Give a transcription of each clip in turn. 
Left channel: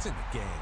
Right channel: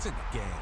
points in the game.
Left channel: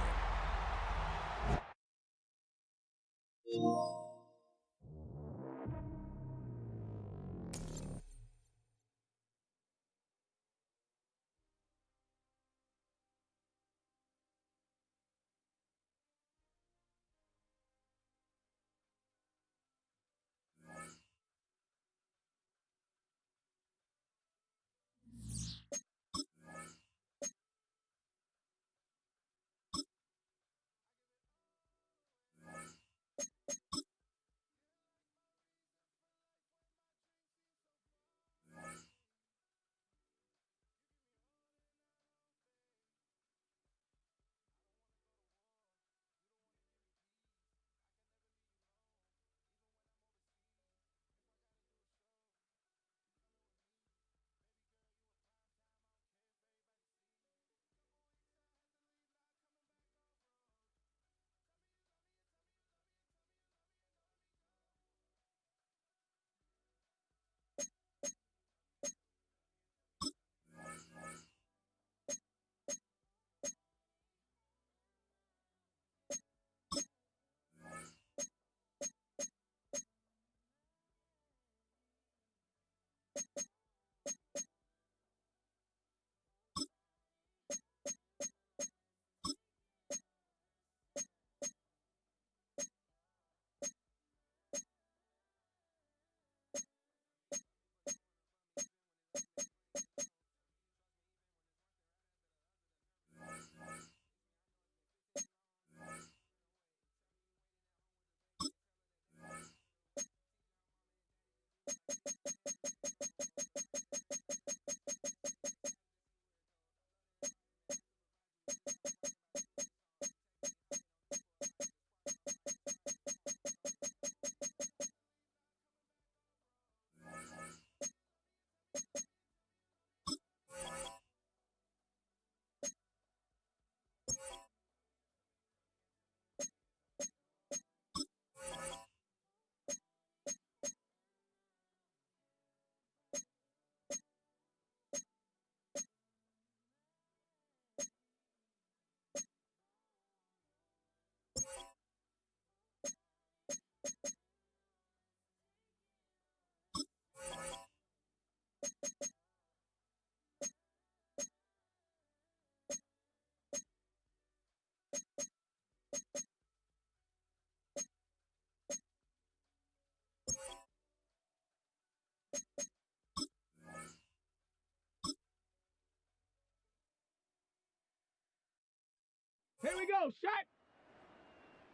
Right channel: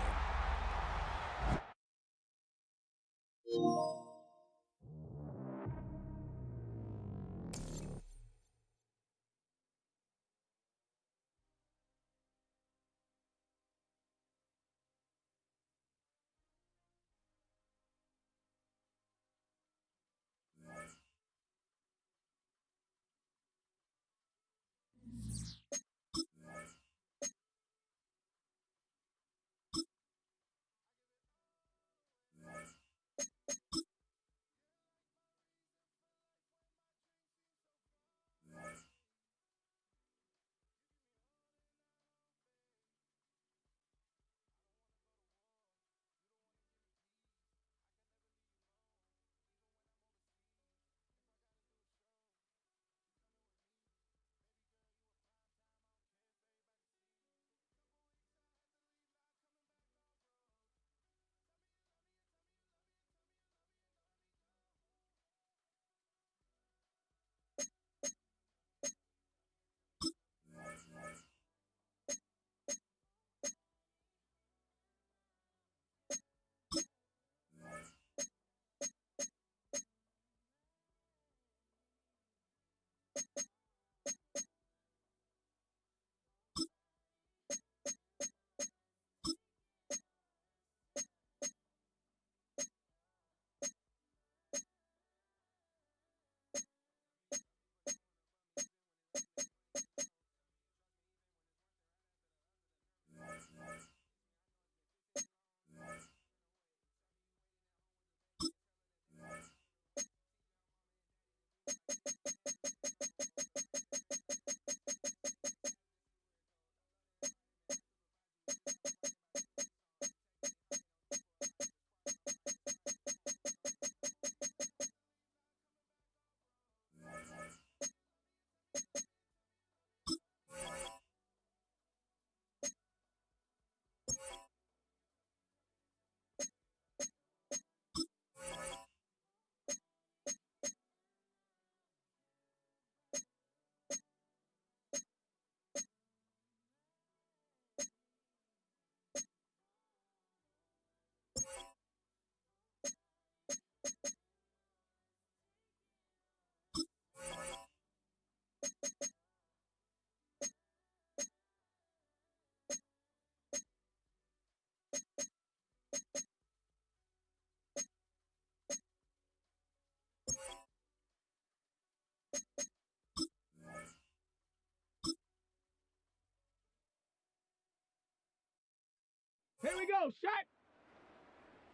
Here we go, shot.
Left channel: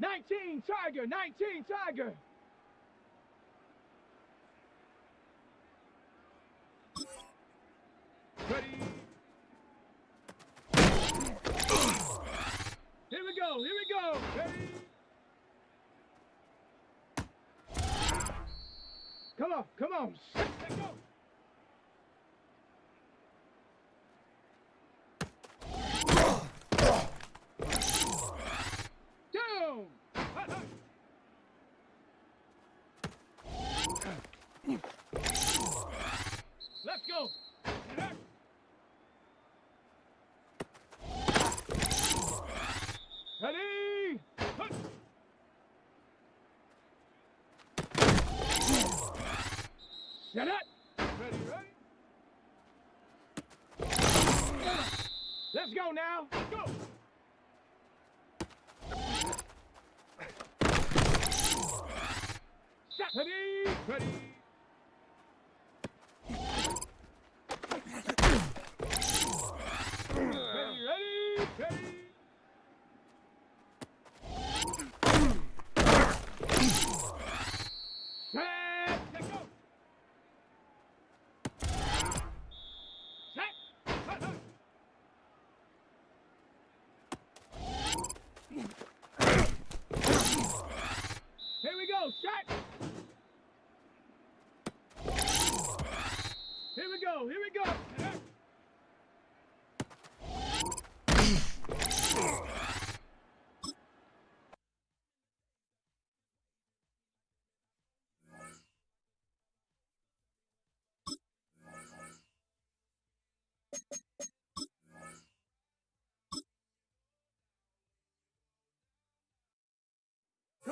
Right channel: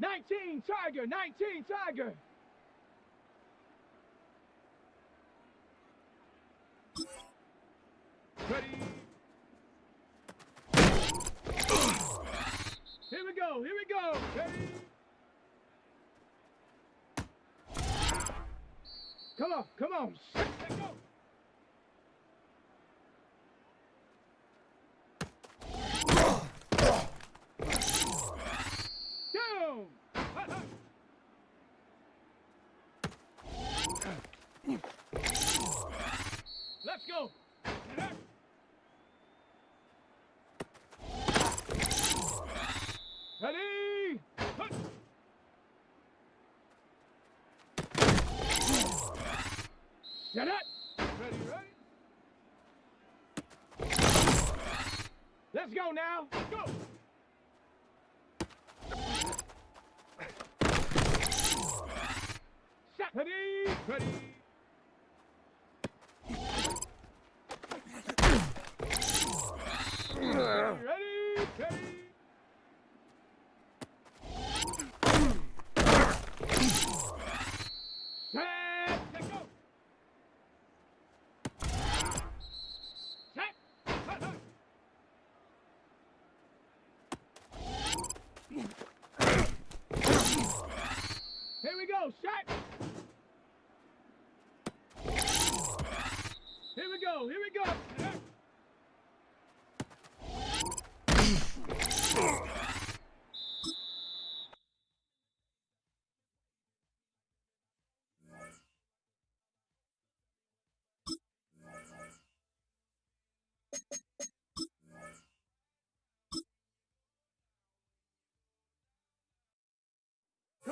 19 Tiger, 19 Tiger. Ready. Here we go, here we go. Ready. Come on, come on. Let's go. Down. Let's go. Ready. Set it. Ready, ready. Let's go now. Go. Set. Ready. Ready. Ready, ready, ready. Set. Let's go. Set. Here we go. Set. Here we go. Here we go.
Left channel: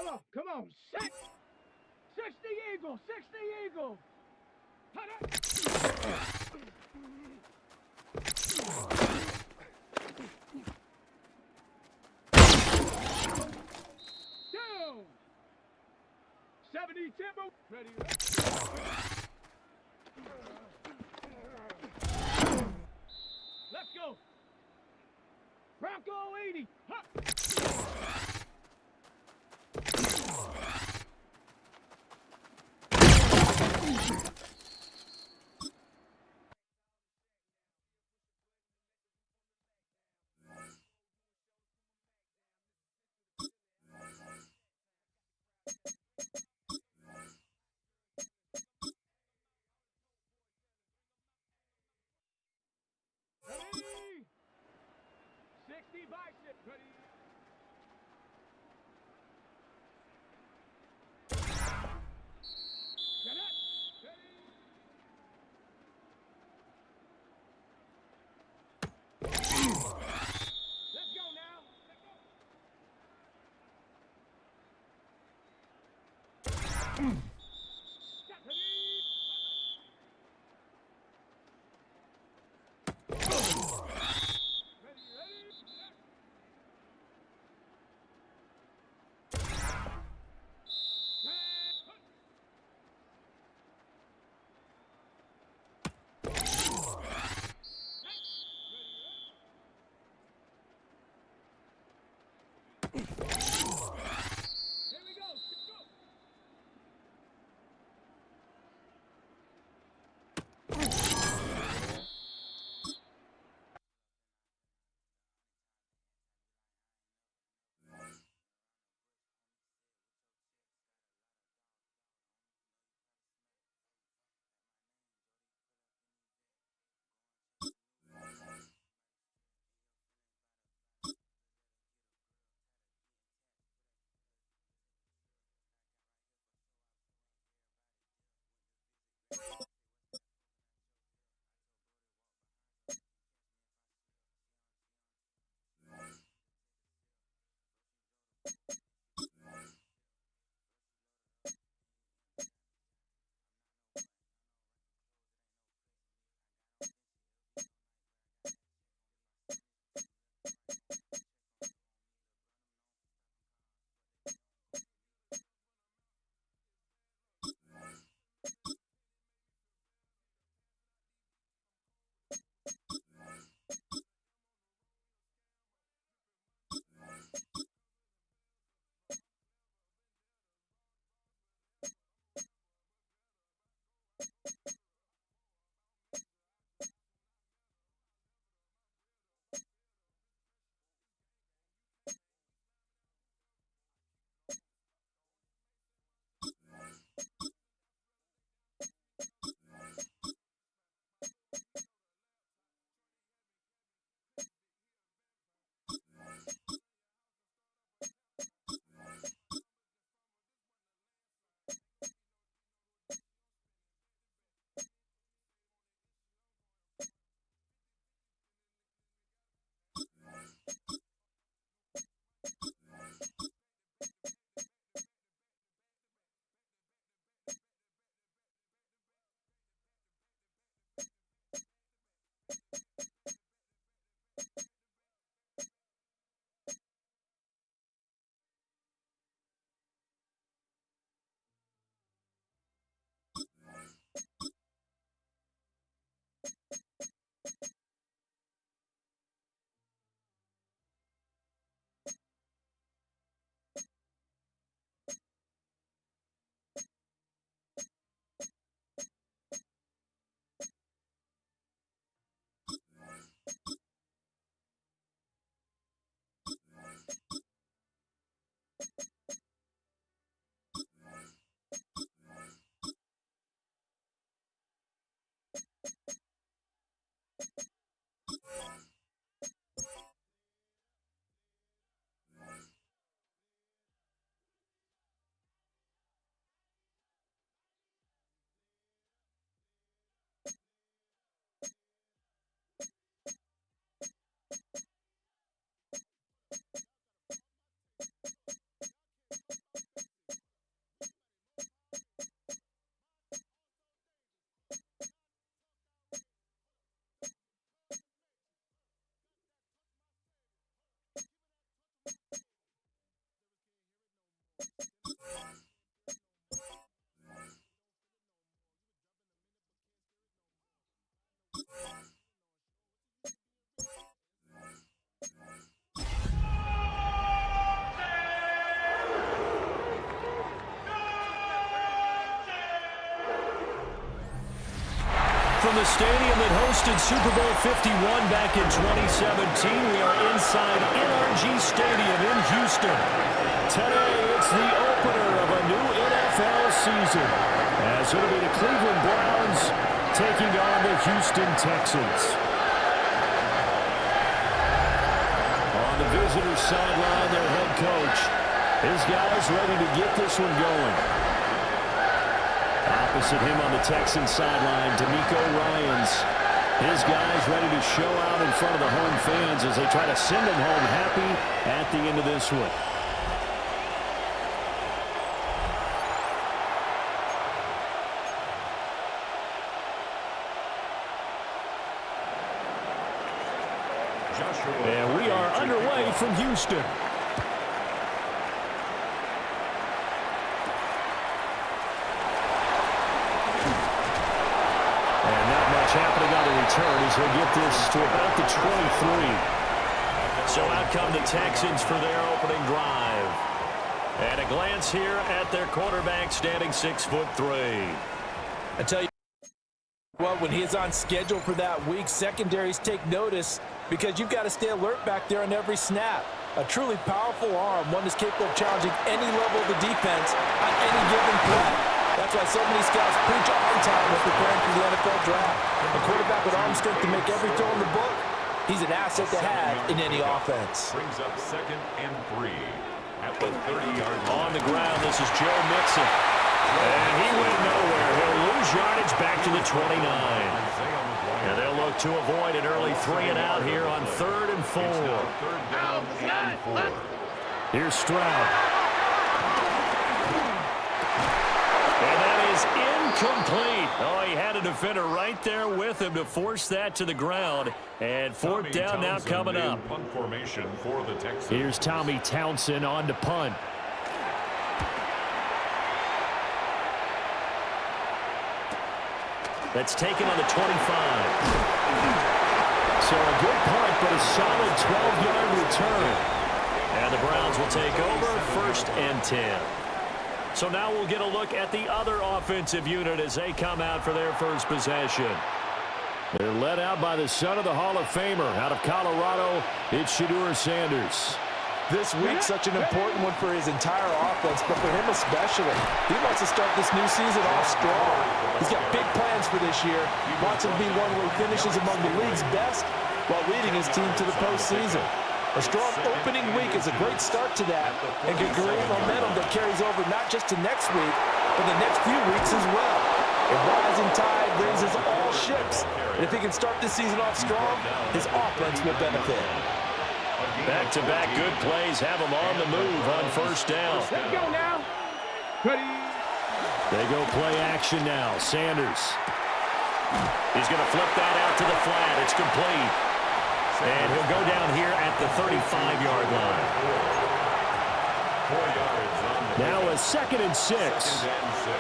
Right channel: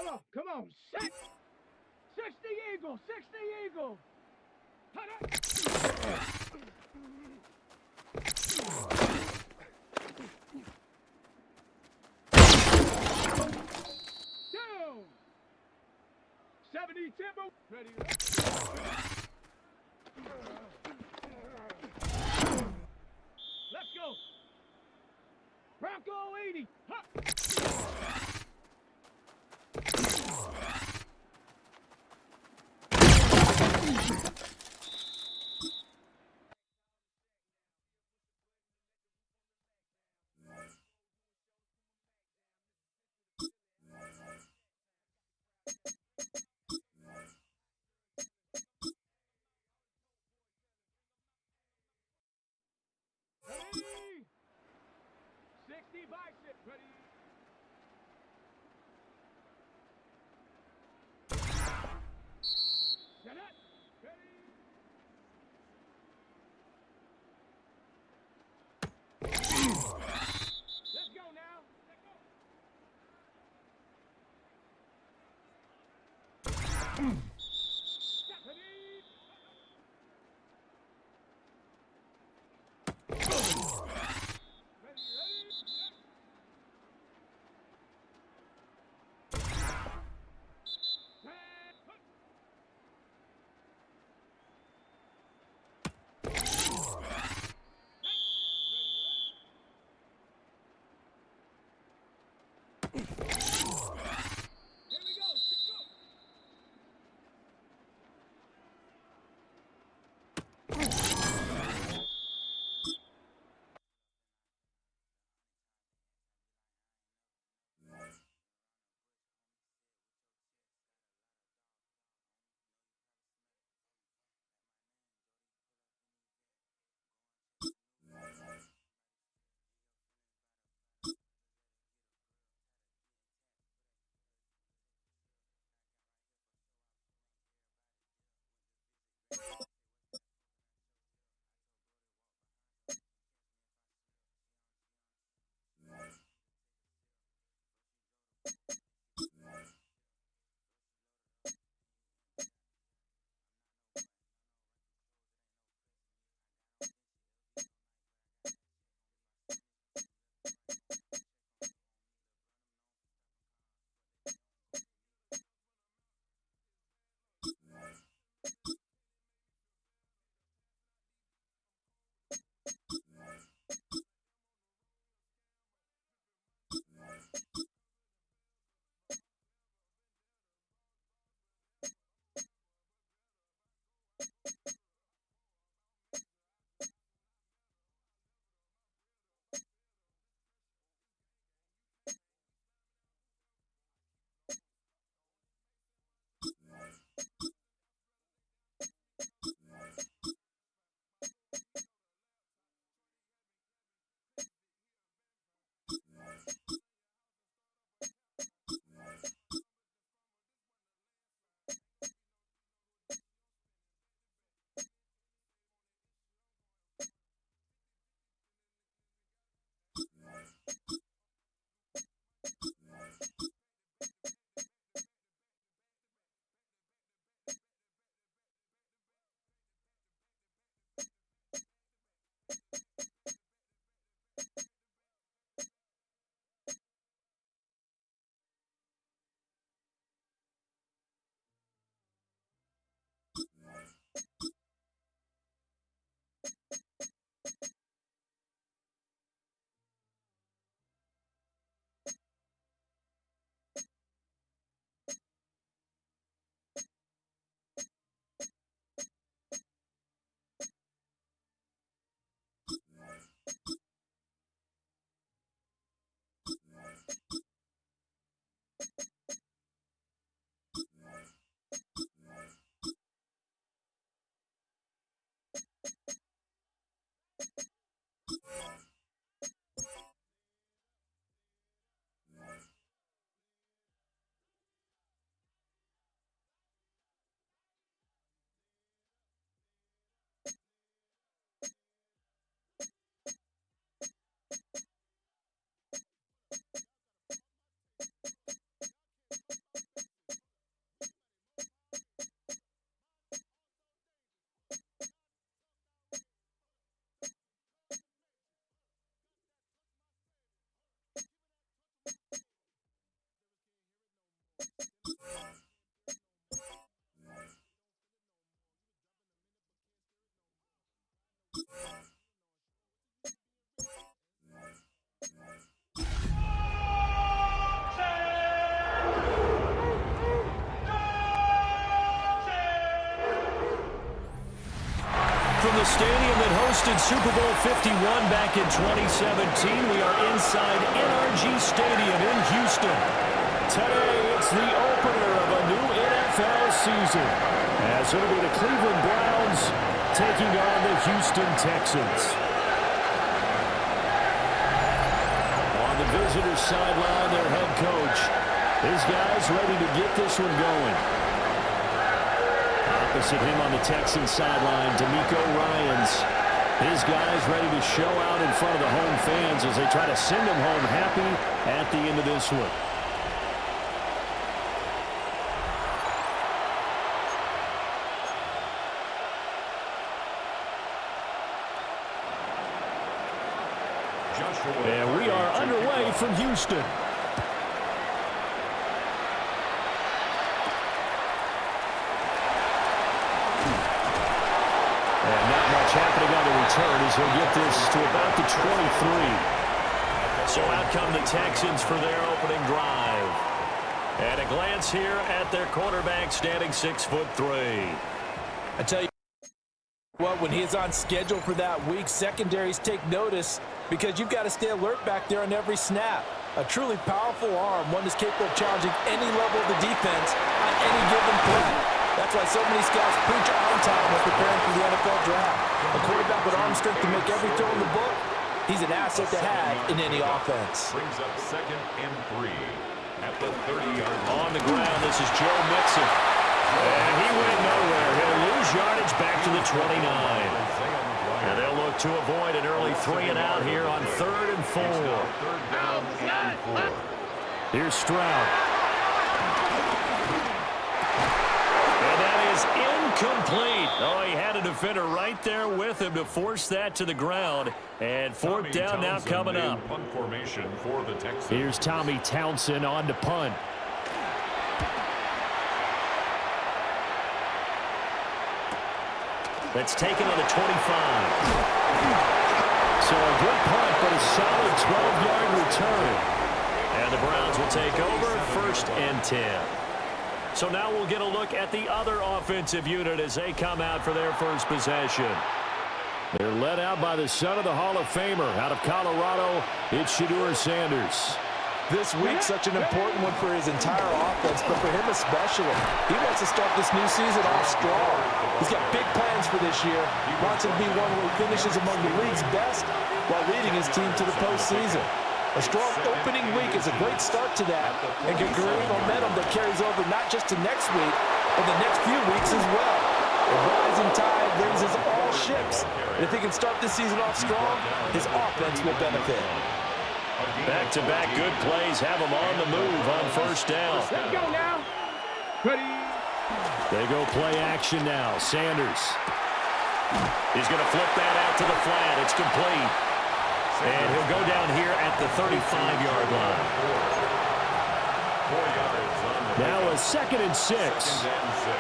Come on. Set. 60 Eagle. 60 Eagle. Down. 70 Timber. Ready. Let's go. Bronco 80. Huh. Ready. 60 bicep. Ready. Get it. Ready. Let's go now. Let's go. Ready. Ready, ready. Here we go. Go. from the stadium that hosted Super Bowl 51 back in 2017. We are inside NRG Stadium in Houston. Today, it's the opener of a new NFL season, as it'll be the Cleveland Browns taking on the Houston Texans. On the visitor's sideline, their head coach. His guys ready to get this one going. Opposite him on the Texans sideline, D'Amico Ryans. His guys ready to show out in front of the home fans as they try to send them home happy at the end of this one. And we are underway from Houston. And not much happening on the return as he'll get this to about the 23. So out come the Texans for their opening drive. And a glance here at their quarterback standing 6'3". I tell you what, when he is on schedule for that week, secondaries take notice because you've got to stay alert back there on every snap. A truly powerful arm, one that's capable of challenging any level of the defense on any given play. That's why so many scouts preach arm talent when preparing for the NFL draft. A quarterback with arm strength to make every throw in the book, he's an asset to have in any offense. Brings up 2nd and 3 at the 30-yard line. On the ground, this is Joe Mixon. And he went nowhere. He'll lose yardage back to the 29. And they'll look to avoid an early 3-and-out here on 3rd and 4. 3rd down and 4. Here's Stroud. And that is incomplete. Oh, he had a defender right there with him to force that to the ground. And 4th down now coming up. Punt formation for the Texans. Here's Tommy Townsend on to punt. That's taken on the 25. So a good punt, but a solid 12-yard return. And the Browns will take over 1st and 10. So now we'll get a look at the other offensive unit as they come out for their first possession. They're led out by the son of the Hall of Famer out of Colorado. It's Shedeur Sanders. This week, such an important one for his entire offense, but for him especially. He wants to start this new season off strong. He's got big plans for this year. He wants it to be one where he finishes among the league's best while leading his team to the postseason. A strong opening week is a great start to that and can create momentum that carries over not just to next week, but the next few weeks as well. A rising tide raises all ships, and if he can start this season off strong, his offense will benefit. Back-to-back good plays have them on the move on 1st down. Let's go now. Ready. They go play action now. Sanders. He's going to flip that out to the flat. It's complete. And he'll go down here at the 35-yard line. 4 yards on the now a 2nd and 6. 2nd and 6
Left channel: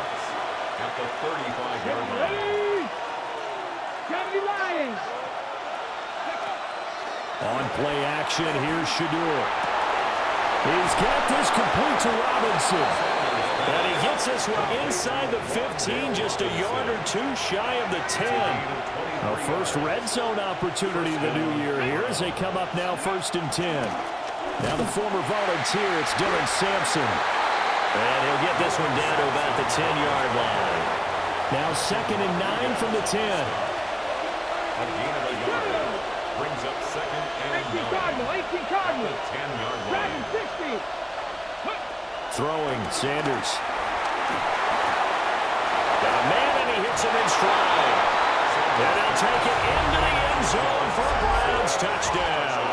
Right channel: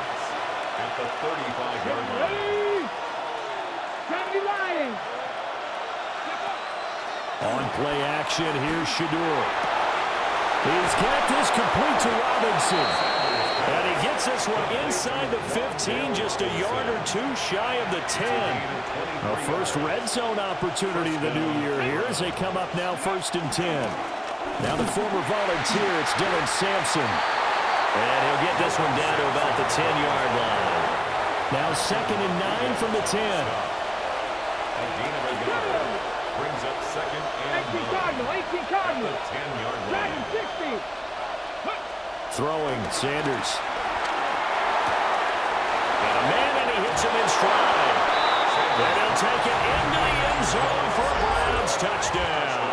at the 35-yard line. Ready. 70 Lions. On play action, here's Shedeur. He's got this complete to Robinson. And he gets this one inside the 15, just a yard or two shy of the 10. A first red zone opportunity the new year here as they come up now 1st and 10. Now the former Volunteer, it's Dylan Sampson. And he'll get this one down to about the 10-yard line. Now 2nd and 9 from the 10. A gain of a yard. Brings up 2nd and 18 9. Cardinal, 18 Cardinal. At the 10-yard line. Dragon 60. Throwing, Sanders. Got a man, and he hits him in stride. And he'll take it into the end zone for a Browns touchdown.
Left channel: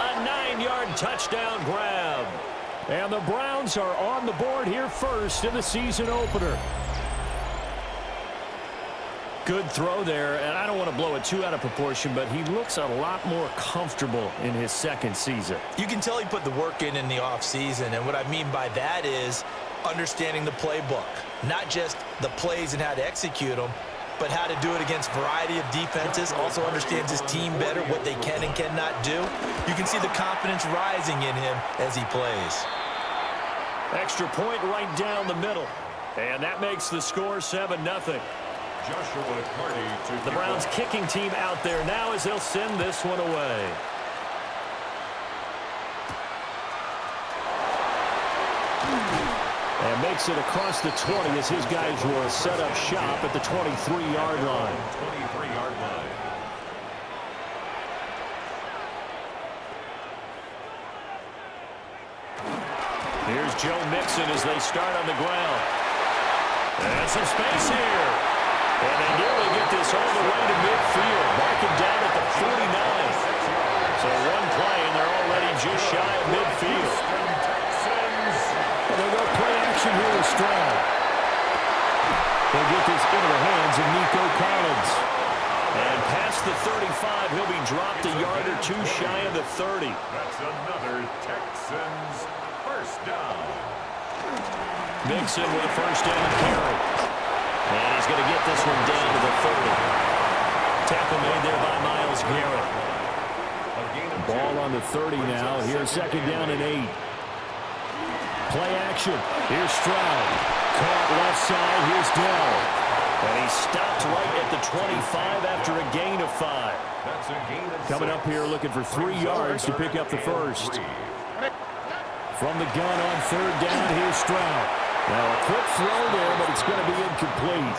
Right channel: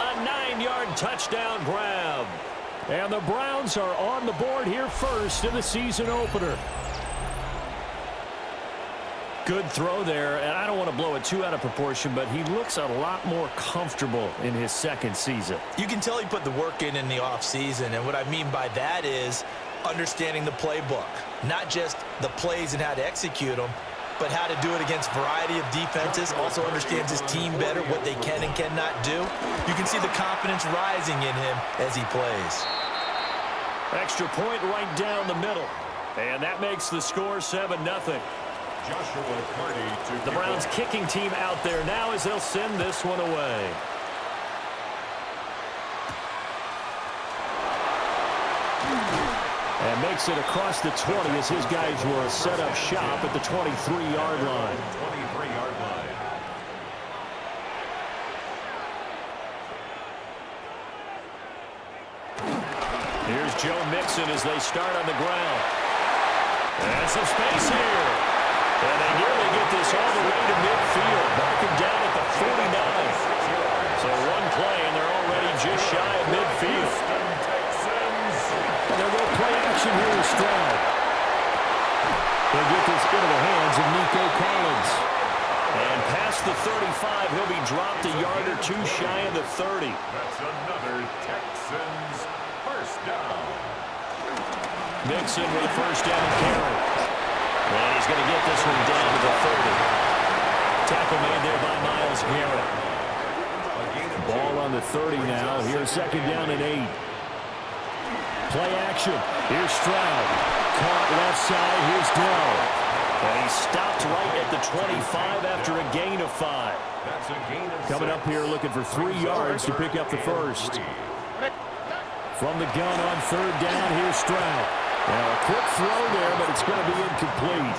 A 9-yard touchdown grab. And the Browns are on the board here first in the season opener. Good throw there, and I don't want to blow it too out of proportion, but he looks a lot more comfortable in his 2nd season. You can tell he put the work in the offseason, and what I mean by that is understanding the playbook. Not just the plays and how to execute them, but how to do it against a variety of defenses. Also understands his team better, what they can and cannot do. You can see the confidence rising in him as he plays. Extra point right down the middle. And that makes the score 7-0. Joshua Carty to The Browns kicking team out there now as they'll send this one away. And makes it across the 20 as his guys will set up shop at the 23-yard line. 23-yard line. Here's Joe Mixon as they start on the ground. And some space here. And they nearly get this all the way to midfield. Marking down at the 49. So one play, and they're already just shy of midfield. And they'll go play action here with Stroud. They'll get this into the hands of Nico Collins. And past the 35, he'll be dropped a yard or two shy of the 30. That's another Texans first down. Mixon with a first down carry. And he's going to get this one down to the 30. Tackle made there by Myles Garrett. Ball on the 30 now. Here's second down and 8. Play action. Here's Stroud. Caught left side. Here's Dell. And he stopped right at the 25 after a gain of 5. That's a gain of 6. Coming up here looking for 3 yards to pick up the first. From the gun on third down, here's Stroud. Now a quick throw there, but it's going to be incomplete.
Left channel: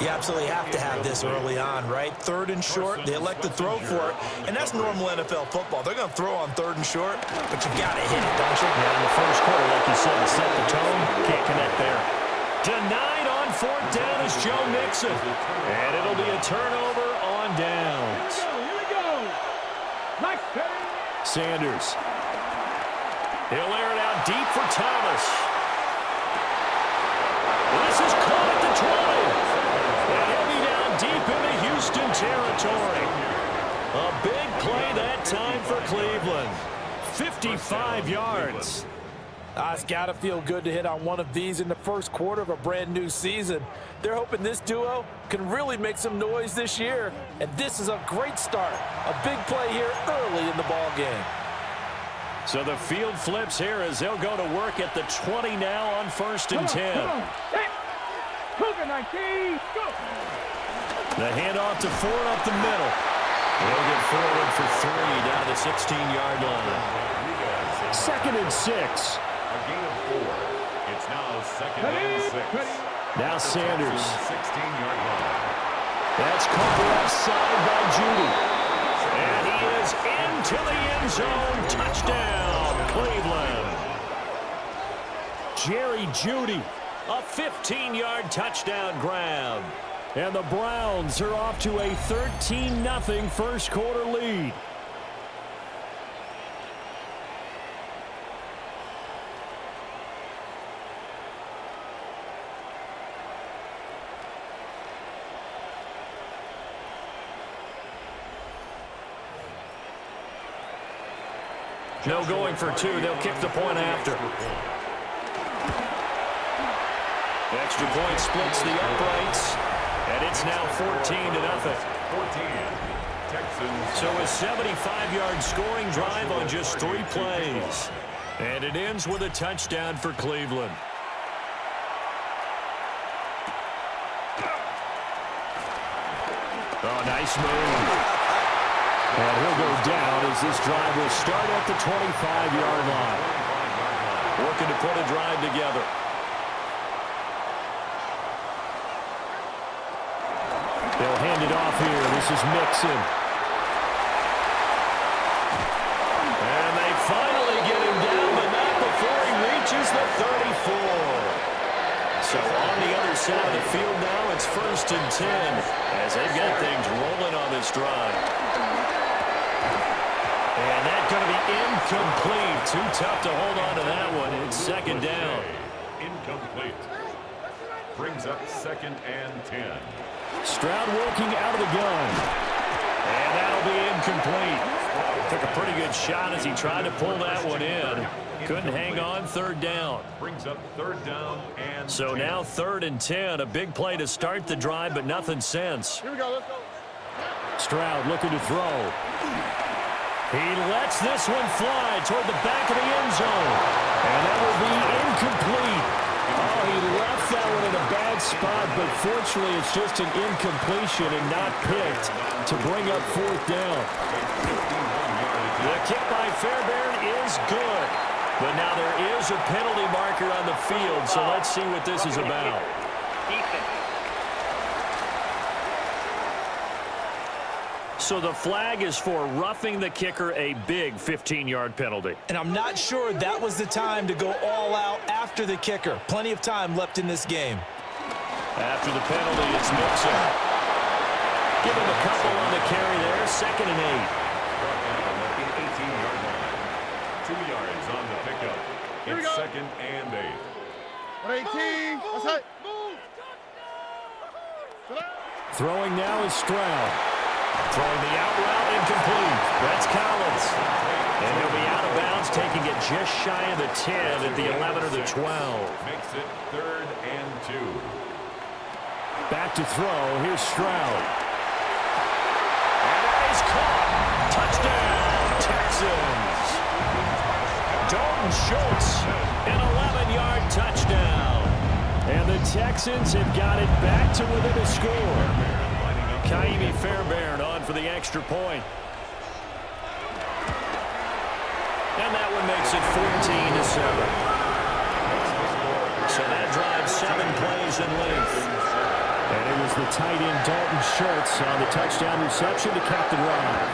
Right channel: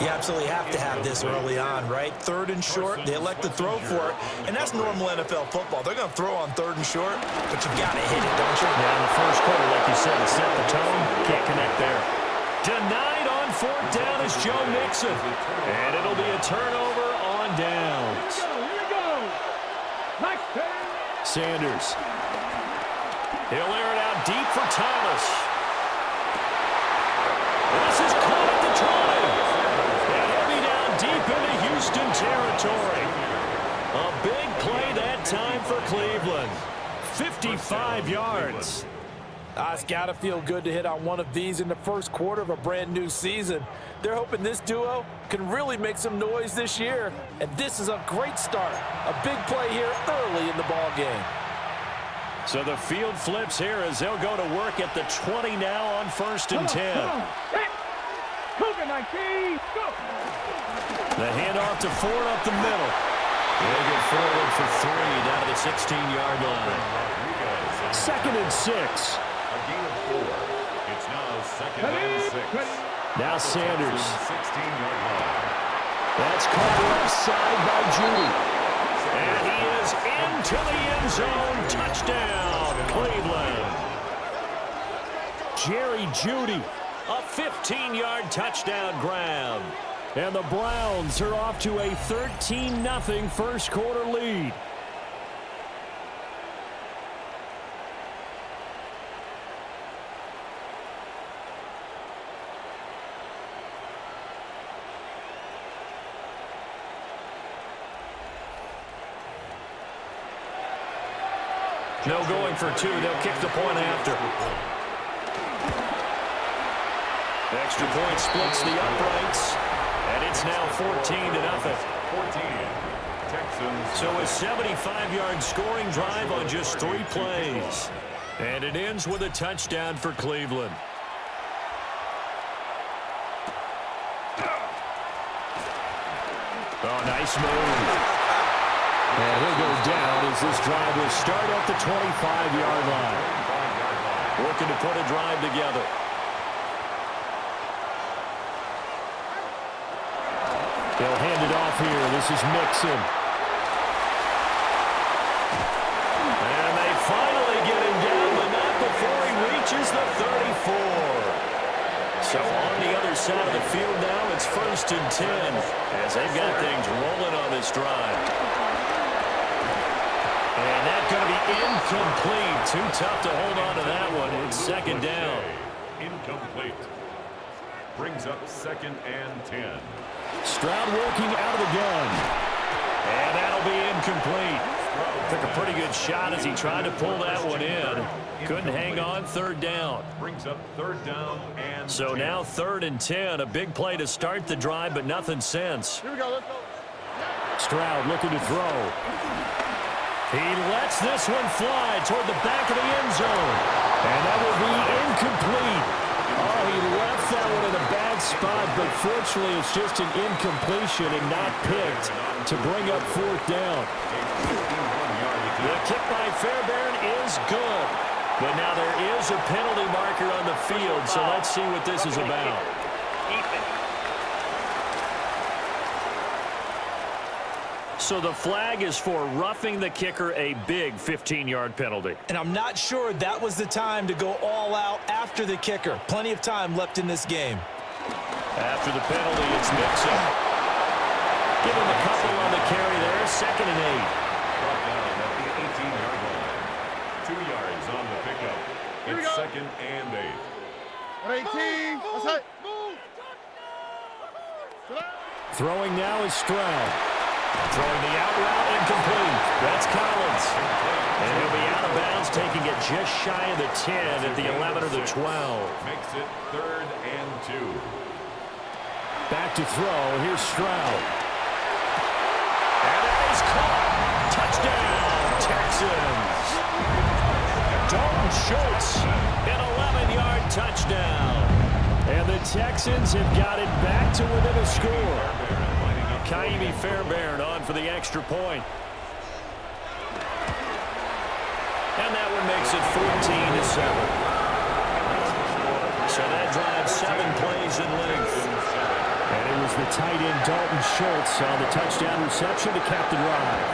You absolutely have to have this early on, right? Third and short, they elect to throw for it, and that's normal NFL football. They're going to throw on third and short, but you've got to hit it, don't you? Yeah, in the first quarter, like you said, to set the tone, can't connect there. Denied on fourth down is Joe Mixon, and it'll be a turnover on downs. Here we go. Nice. Sanders. He'll air it out deep for Thomas. This is caught at the 20. And he'll be down deep into Houston territory. A big play that time for Cleveland. 55 yards. It's got to feel good to hit on one of these in the first quarter of a brand new season. They're hoping this duo can really make some noise this year. And this is a great start. A big play here early in the ball game. So the field flips here as they'll go to work at the 20 now on first and 10. Come on. Set. Cougar 19. Go. The handoff to Ford up the middle. He'll get forward for 3 down to the 16-yard line. Second and 6. A gain of 4. It's now second and 6. Now Sanders. 16-yard line. That's caught left side by Judy. And he is into the end zone. Touchdown, Cleveland. Jerry Judy, a 15-yard touchdown grab. And the Browns are off to a 13-0 first quarter lead. No going for 2. They'll kick the point after. Extra point splits the uprights. And it's now 14-0. 14. Texans. So a 75-yard scoring drive on just 3 plays. And it ends with a touchdown for Cleveland. Oh, nice move. And he'll go down as this drive will start at the 25-yard line. Working to put a drive together. They'll hand it off here. This is Mixon. And they finally get him down, but not before he reaches the 34. So on the other side of the field now, it's first and 10 as they've got things rolling on this drive. And that's going to be incomplete. Too tough to hold on to that one. It's second down. Incomplete. Brings up second and 10. Stroud working out of the gun. And that'll be incomplete. Took a pretty good shot as he tried to pull that one in. Couldn't hang on. Third down. Brings up third down and So 10. now third and 10. A big play to start the drive, but nothing since. Here we go. Let's go. Stroud looking to throw. He lets this one fly toward the back of the end zone. And that will be incomplete. Oh, he left that one in a bad spot, but fortunately it's just an incompletion and not picked to bring up fourth down. The kick by Fairbairn is good. But now there is a penalty marker on the field, so let's see what this is about. So the flag is for roughing the kicker, a big 15-yard penalty. And I'm not sure that was the time to go all out after the kicker. Plenty of time left in this game. After the penalty, it's Mixon. Give him a couple on the carry there, 2nd and 8. Brought down at the 18-yard line. 2 yards on the pickup. It's 2nd and 8. 18. That's it. Throwing now is Stroud. Throwing the out route incomplete. That's Collins. And he'll be out of bounds, taking it just shy of the 10 at the 11 or the 12. Makes it 3rd and 2. Back to throw. Here's Stroud. And that is caught. Touchdown, Texans. Dalton Schultz, an 11-yard touchdown. And the Texans have got it back to within a score. Kaimi Fairbairn on for the extra point. And that one makes it 14-7. So that drives 7 plays in length. And it was the tight end Dalton Schultz on the touchdown reception to cap the drive.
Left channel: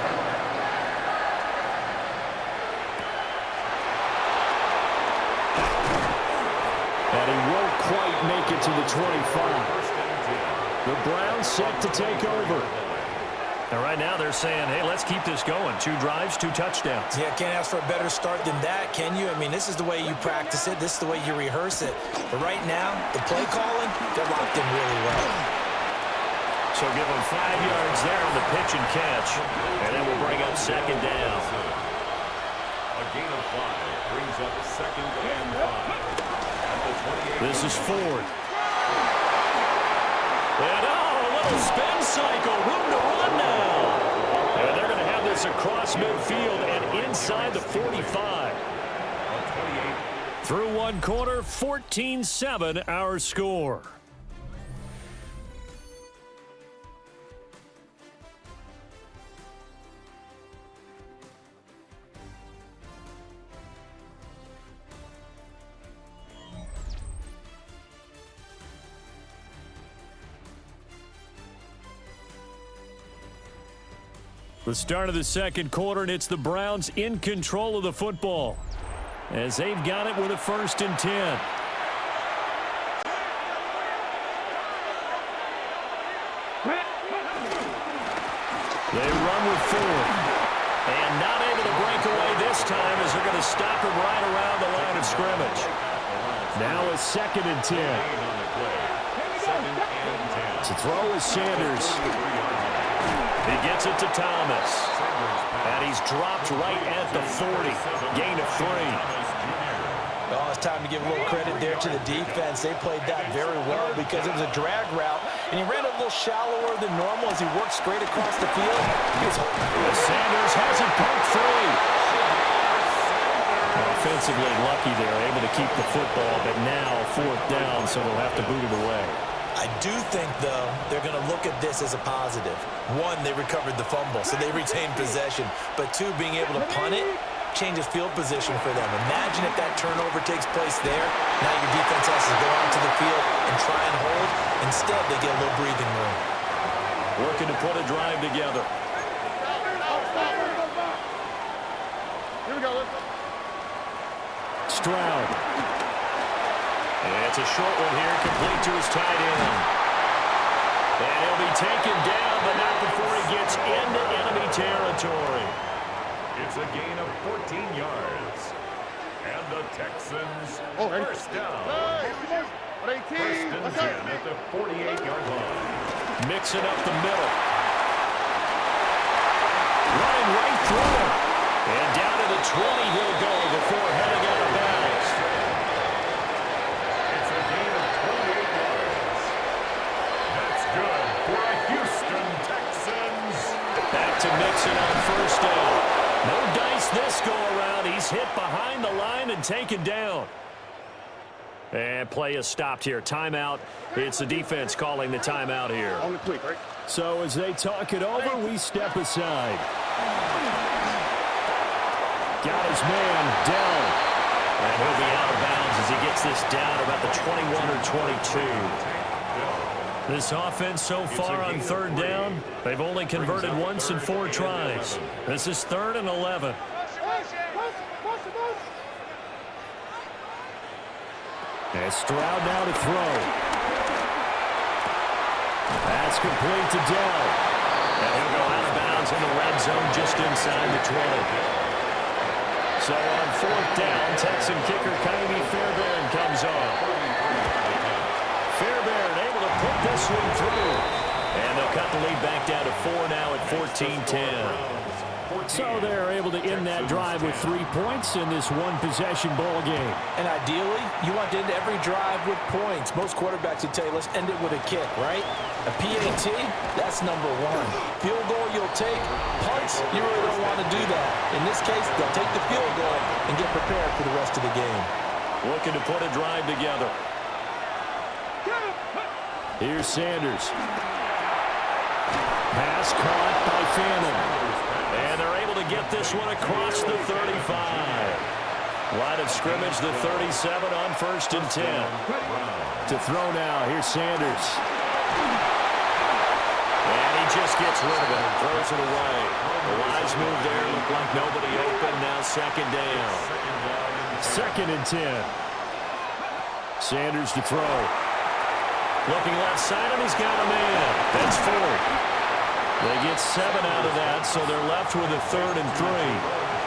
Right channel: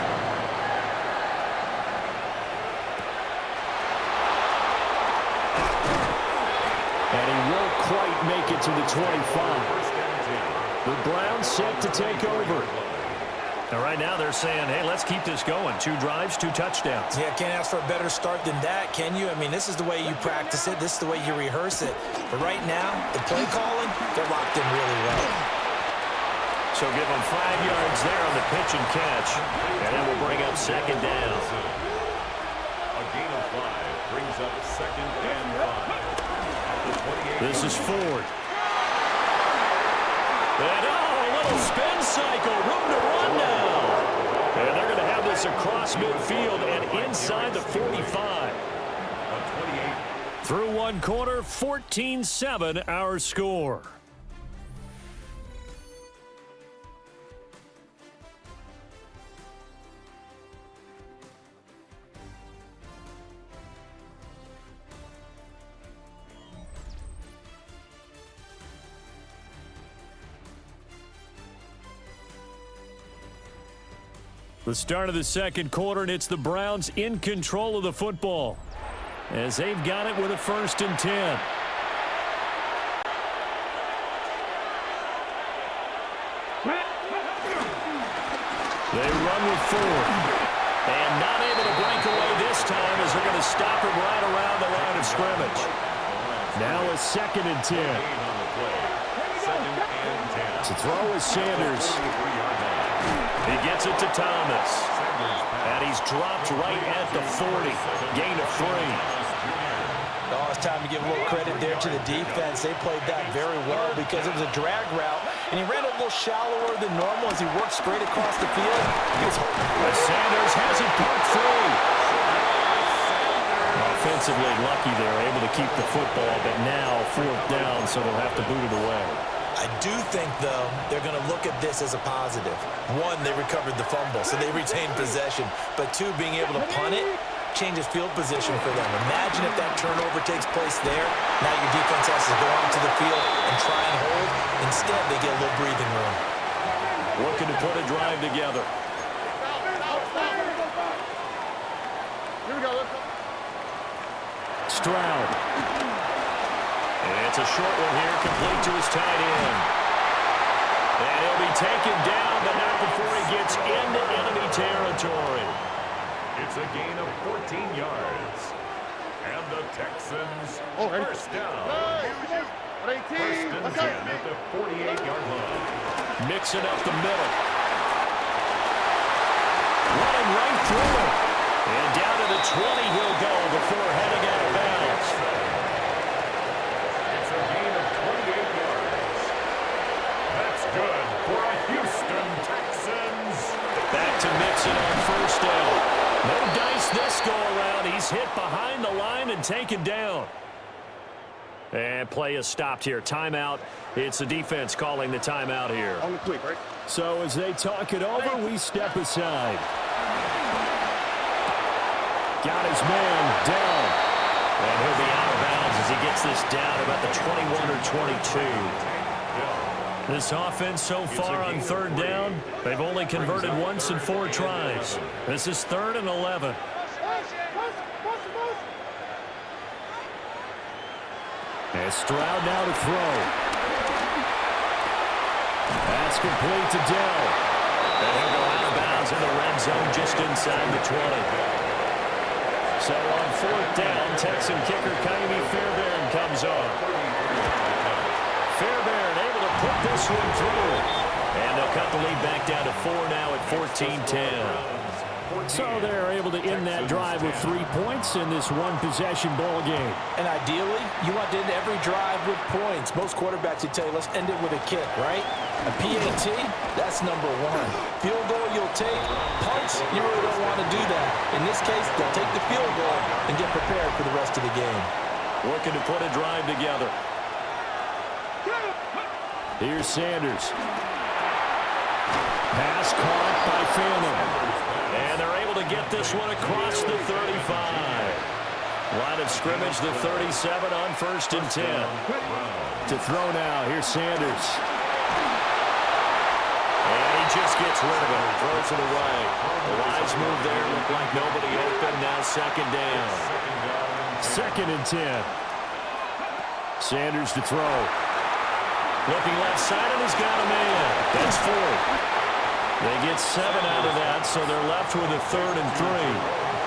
And he won't quite make it to the 25. The Browns set to take over. And right now they're saying, hey, let's keep this going. 2 drives, 2 touchdowns. Yeah, can't ask for a better start than that, can you? I mean, this is the way you practice it. This is the way you rehearse it. But right now, the play calling, they're locked in really well. So give them 5 yards there on the pitch and catch. And then we'll bring up 2nd down. A gain of 5 brings up 2nd and 5. At the 28. This is Ford. And a little spin cycle. Room to run now. And they're going to have this across midfield and inside the 45. Through one quarter, 14-7 our score. The start of the second quarter, and it's the Browns in control of the football as they've got it with a 1st and 10. They run with Ford. And not able to break away this time as they're going to stop him right around the line of scrimmage. Now a 2nd and 10. To throw is Sanders. He gets it to Thomas. And he's dropped right at the 40. Gain of 3. Oh, it's time to give a little credit there to the defense. They played that very well because it was a drag route, and he ran a little shallower than normal as he worked straight across the field. Sanders has it poked free. Offensively lucky they're able to keep the football, but now 4th down, so they'll have to boot it away. I do think, though, they're going to look at this as a positive. 1, they recovered the fumble, so they retained possession. But 2, being able to punt it changes field position for them. Imagine if that turnover takes place there. Now your defense has to go onto the field and try and hold. Instead, they get a little breathing room. Looking to put a drive together. Here we go. Stroud. And it's a short one here, complete to his tight end. And he'll be taken down, but not before he gets into enemy territory. It's a gain of 14 yards. And the Texans first down. 1st and 10 at the 48-yard line. Mixing up the middle. Running right through him. And down to the 20 he'll go before heading out of bounds. It's a gain of 28 yards. That's good for a Houston Texans. Back to Mixon on 1st down. No dice this go-around. He's hit behind the line and taken down. And play is stopped here. Timeout. It's the defense calling the timeout here. On the quick, right? So as they talk it over, we step aside. Got his man down. And he'll be out of bounds as he gets this down about the 21 or 22. This offense so far on third down, they've only converted once in 4 tries. This is 3rd and 11. And Stroud now to throw. That's complete to Dell. And he'll go out of bounds in the red zone just inside the 20. So on 4th down, Texan kicker Kaimi Fairbairn comes on. Fairbairn able to put this one through. And they'll cut the lead back down to 4 now at 14-10. So they're able to end that drive with 3 points in this one-possession ball game. And ideally, you want to end every drive with points. Most quarterbacks would tell you, let's end it with a kick, right? A PAT, that's number 1. Field goal you'll take. Punts, you really don't want to do that. In this case, they'll take the field goal and get prepared for the rest of the game. Looking to put a drive together. Here's Sanders. Pass caught by Phantom. And they're able to get this one across the 35. Line of scrimmage, the 37 on 1st and 10. To throw now, here's Sanders. And he just gets rid of it, throws it away. The wise move there, looked like nobody open, now 2nd down. 2nd and 10. Sanders to throw. Looking left side, and he's got a man. That's 4. They get 7 out of that, so they're left with a 3rd and 3.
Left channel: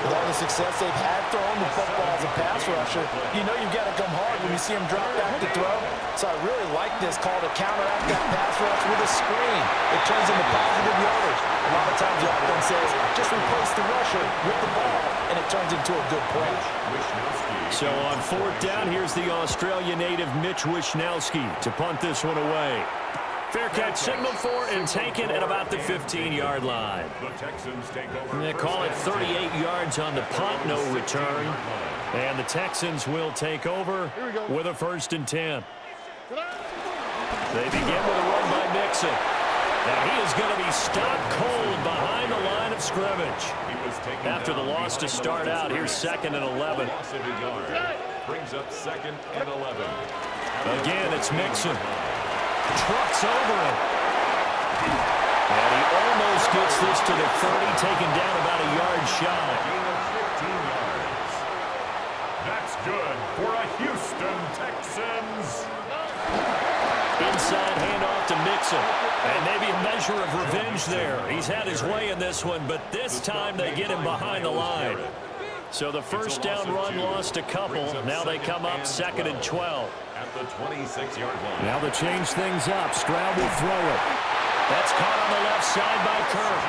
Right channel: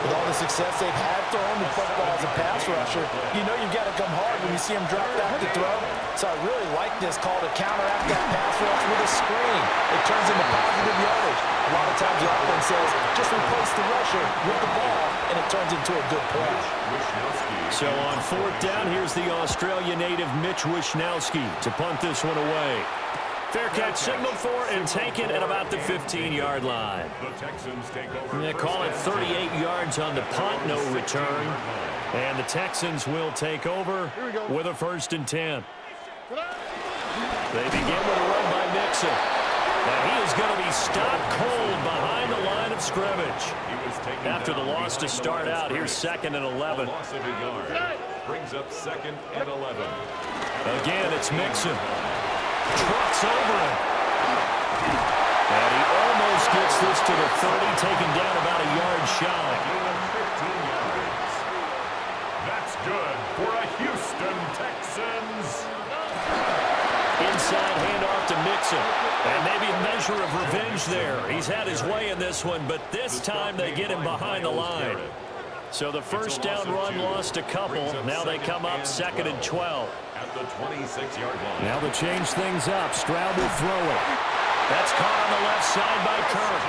With all the success they've had throwing the football as a pass rusher, you know you've got to come hard when you see him drop back to throw. So I really like this call to counteract that pass rush with a screen. It turns into positive yardage. A lot of times the offense says, just replace the rusher with the ball, and it turns into a good play. So on 4th down, here's the Australia native Mitch Wishnowsky to punt this one away. Fair catch signaled for and taken at about the 15-yard line. They call it 38 yards on the punt, no return. And the Texans will take over with a 1st and 10. They begin with a run by Mixon. And he is going to be stopped cold behind the line of scrimmage. After the loss to start out, here's 2nd and 11. Brings up 2nd and 11. Again, it's Mixon. Trucks over him. And he almost gets this to the 30, taken down about a yard shy. Gain of 15 yards. That's good for a Houston Texans. Inside handoff to Mixon. And maybe a measure of revenge there. He's had his way in this one, but this time they get him behind the line. So the 1st down run lost a couple. Now they come up 2nd and 12. At the 26-yard line. Now they change things up. Stroud will throw it. That's caught on the left side by Kirk.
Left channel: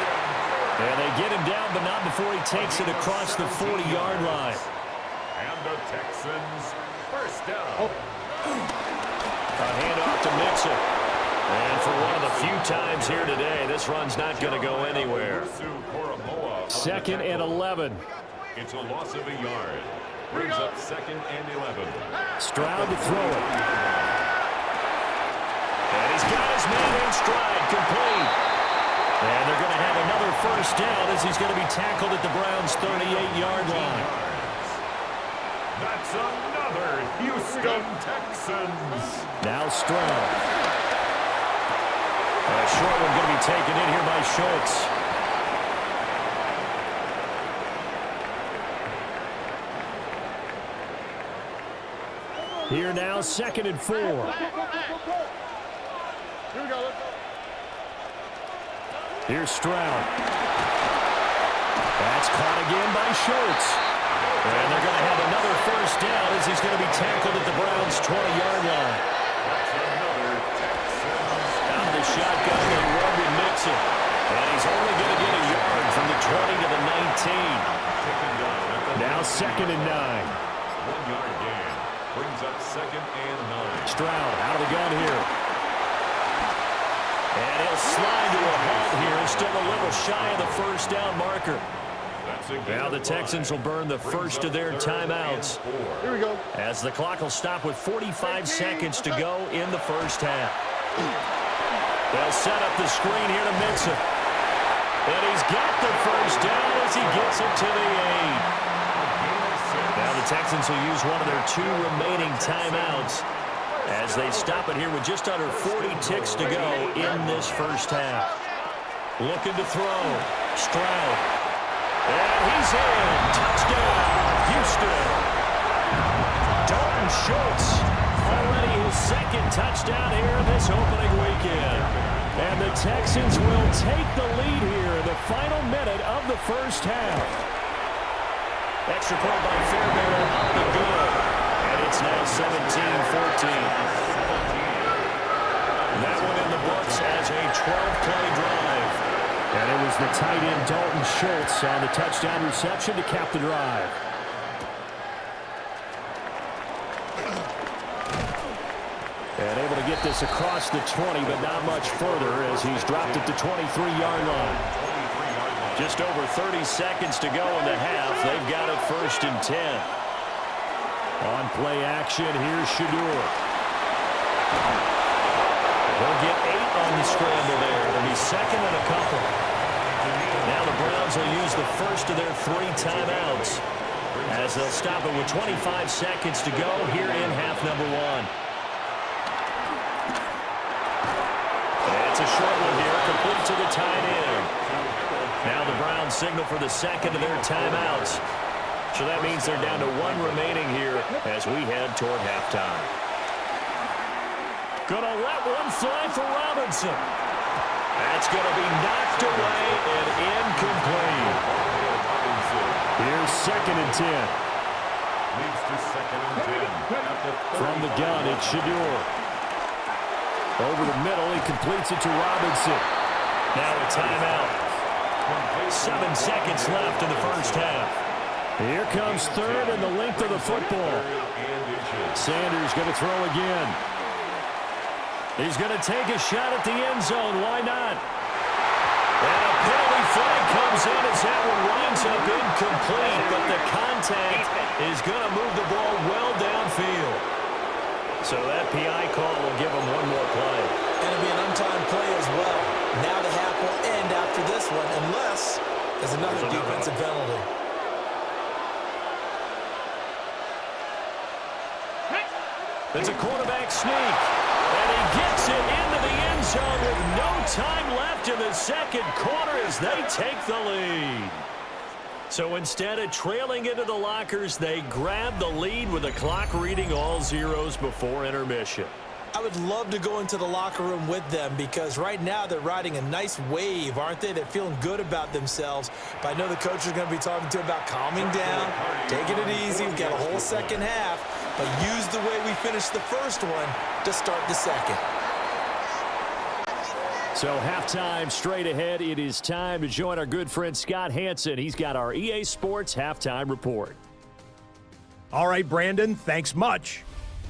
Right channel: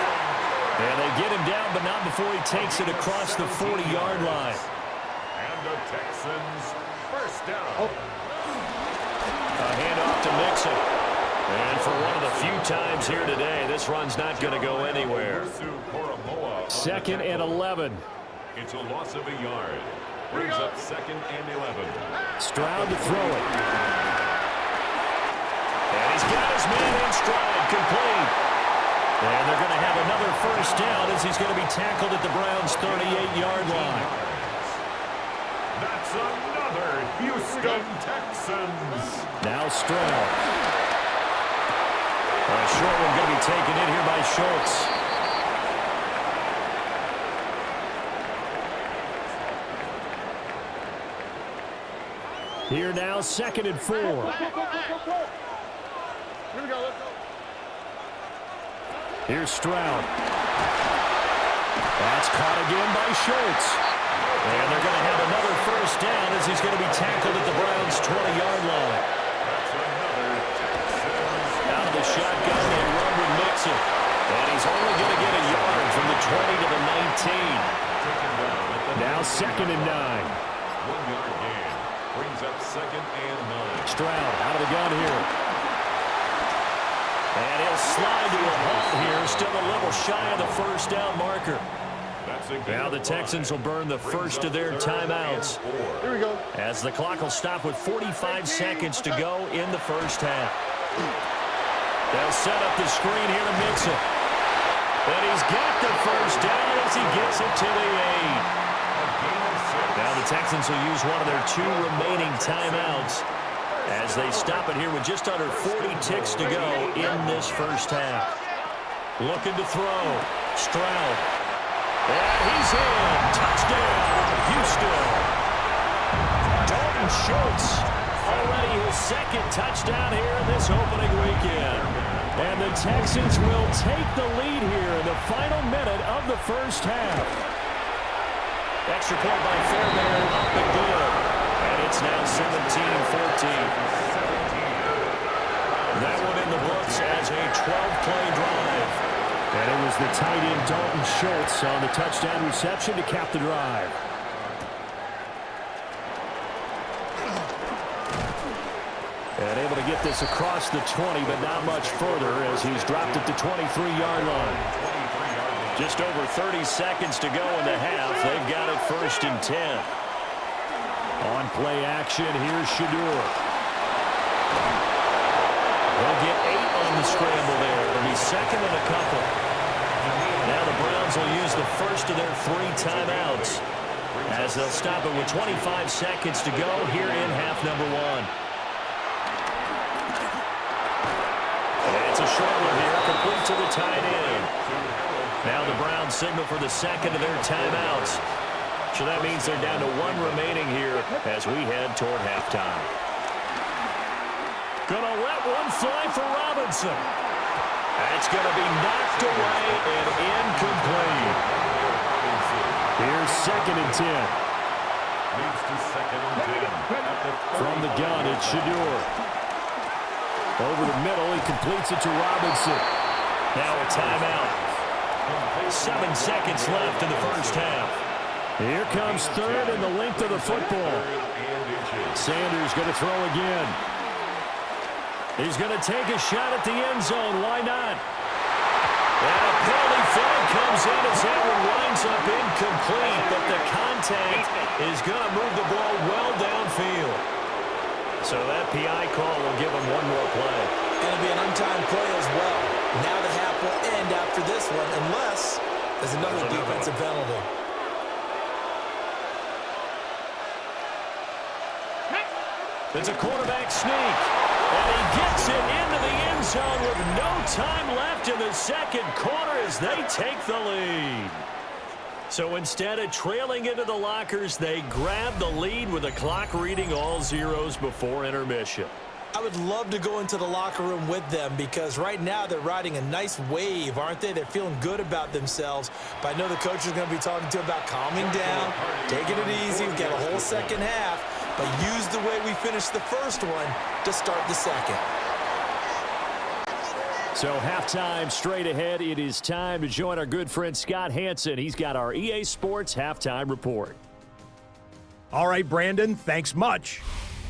And they get him down, but not before he takes it across the 40-yard line. And the Texans 1st down. A handoff to Mixon. And for one of the few times here today, this run's not going to go anywhere. 2nd and 11. It's a loss of a yard. Brings up 2nd and 11. Stroud to throw it. And he's got his man in stride, complete. And they're going to have another 1st down as he's going to be tackled at the Browns' 38-yard line. That's another Houston Texans. Now Stroud. A short one going to be taken in here by Schultz. Here now, 2nd and 4. Here we go, let's go. Here's Stroud. That's caught again by Schultz. And they're going to have another 1st down as he's going to be tackled at the Browns' 20-yard line. That's another Texans. Out of the shotgun, they run with Mixon. And he's only going to get a yard from the 20 to the 19. Now 2nd and 9. 1-yard gain. Brings up 2nd and 9. Stroud out of the gun here. And he'll slide to a halt here. Still a little shy of the 1st down marker. Now the Texans will burn the first of their timeouts. Here we go. As the clock will stop with 45 seconds to go in the first half. They'll set up the screen here to Mixon. And he's got the first down as he gets it to the 8. Now the Texans will use one of their 2 remaining timeouts as they stop it here with just under 40 ticks to go in this first half. Looking to throw. Stroud. And he's in. Touchdown, Houston. Dalton Schultz, already his second touchdown here in this opening weekend. And the Texans will take the lead here in the final minute of the first half. Extra point by Fairbairn, up and good. And it's now 17-14. That one in the books as a 12-play drive. And it was the tight end Dalton Schultz on the touchdown reception to cap the drive. And able to get this across the 20, but not much further as he's dropped at the 23-yard line. Just over 30 seconds to go in the half. They've got it 1st and 10. On play action, here's Shadur. They'll get 8 on the scramble there. It'll be second and a couple. Now the Browns will use the first of their 3 timeouts as they'll stop it with 25 seconds to go here in half number 1. And it's a short one here, complete to the tight end. Now the Browns signal for the second of their timeouts. So that means they're down to 1 remaining here as we head toward halftime. Gonna let one fly for Robinson. That's gonna be knocked away and incomplete. Here's 2nd and 10. Leads to 2nd and 10. From the gun, it's Shadur. Over the middle, he completes it to Robinson. Now a timeout. 7 seconds left in the first half. Here comes 3rd and the length of the football. Sanders going to throw again. He's going to take a shot at the end zone. Why not? And a penalty flag comes in as that one winds up incomplete, but the contact is going to move the ball well downfield. So that PI call will give him one more play. And it'll be an untimed play as well. Now the half will end after this one, unless there's another defensive penalty. It's a quarterback sneak. And he gets it into the end zone with no time left in the second quarter as they take the lead. So instead of trailing into the lockers, they grab the lead with the clock reading all zeros before intermission. I would love to go into the locker room with them because right now they're riding a nice wave, aren't they? They're feeling good about themselves. But I know the coach is going to be talking to them about calming down, taking it easy. We've got a whole second half, but use the way we finished the first one to start the second. So halftime straight ahead. It is time to join our good friend Scott Hansen. He's got our EA Sports halftime report. All right, Brandon, thanks much.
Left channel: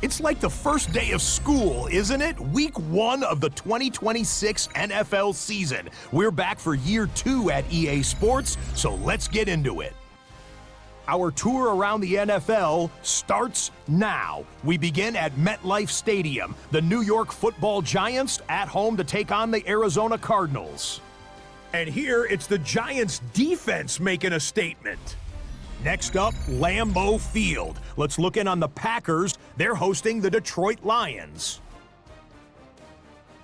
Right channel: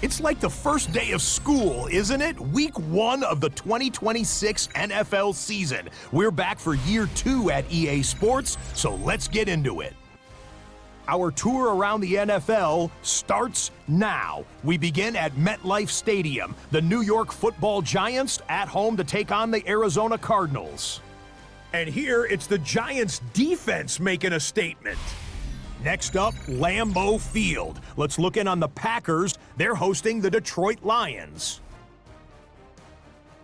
It's like the first day of school, isn't it? Week 1 of the 2026 NFL season. We're back for year 2 at EA Sports, so let's get into it. Our tour around the NFL starts now. We begin at MetLife Stadium. The New York Football Giants at home to take on the Arizona Cardinals. And here it's the Giants defense making a statement. Next up, Lambeau Field. Let's look in on the Packers. They're hosting the Detroit Lions.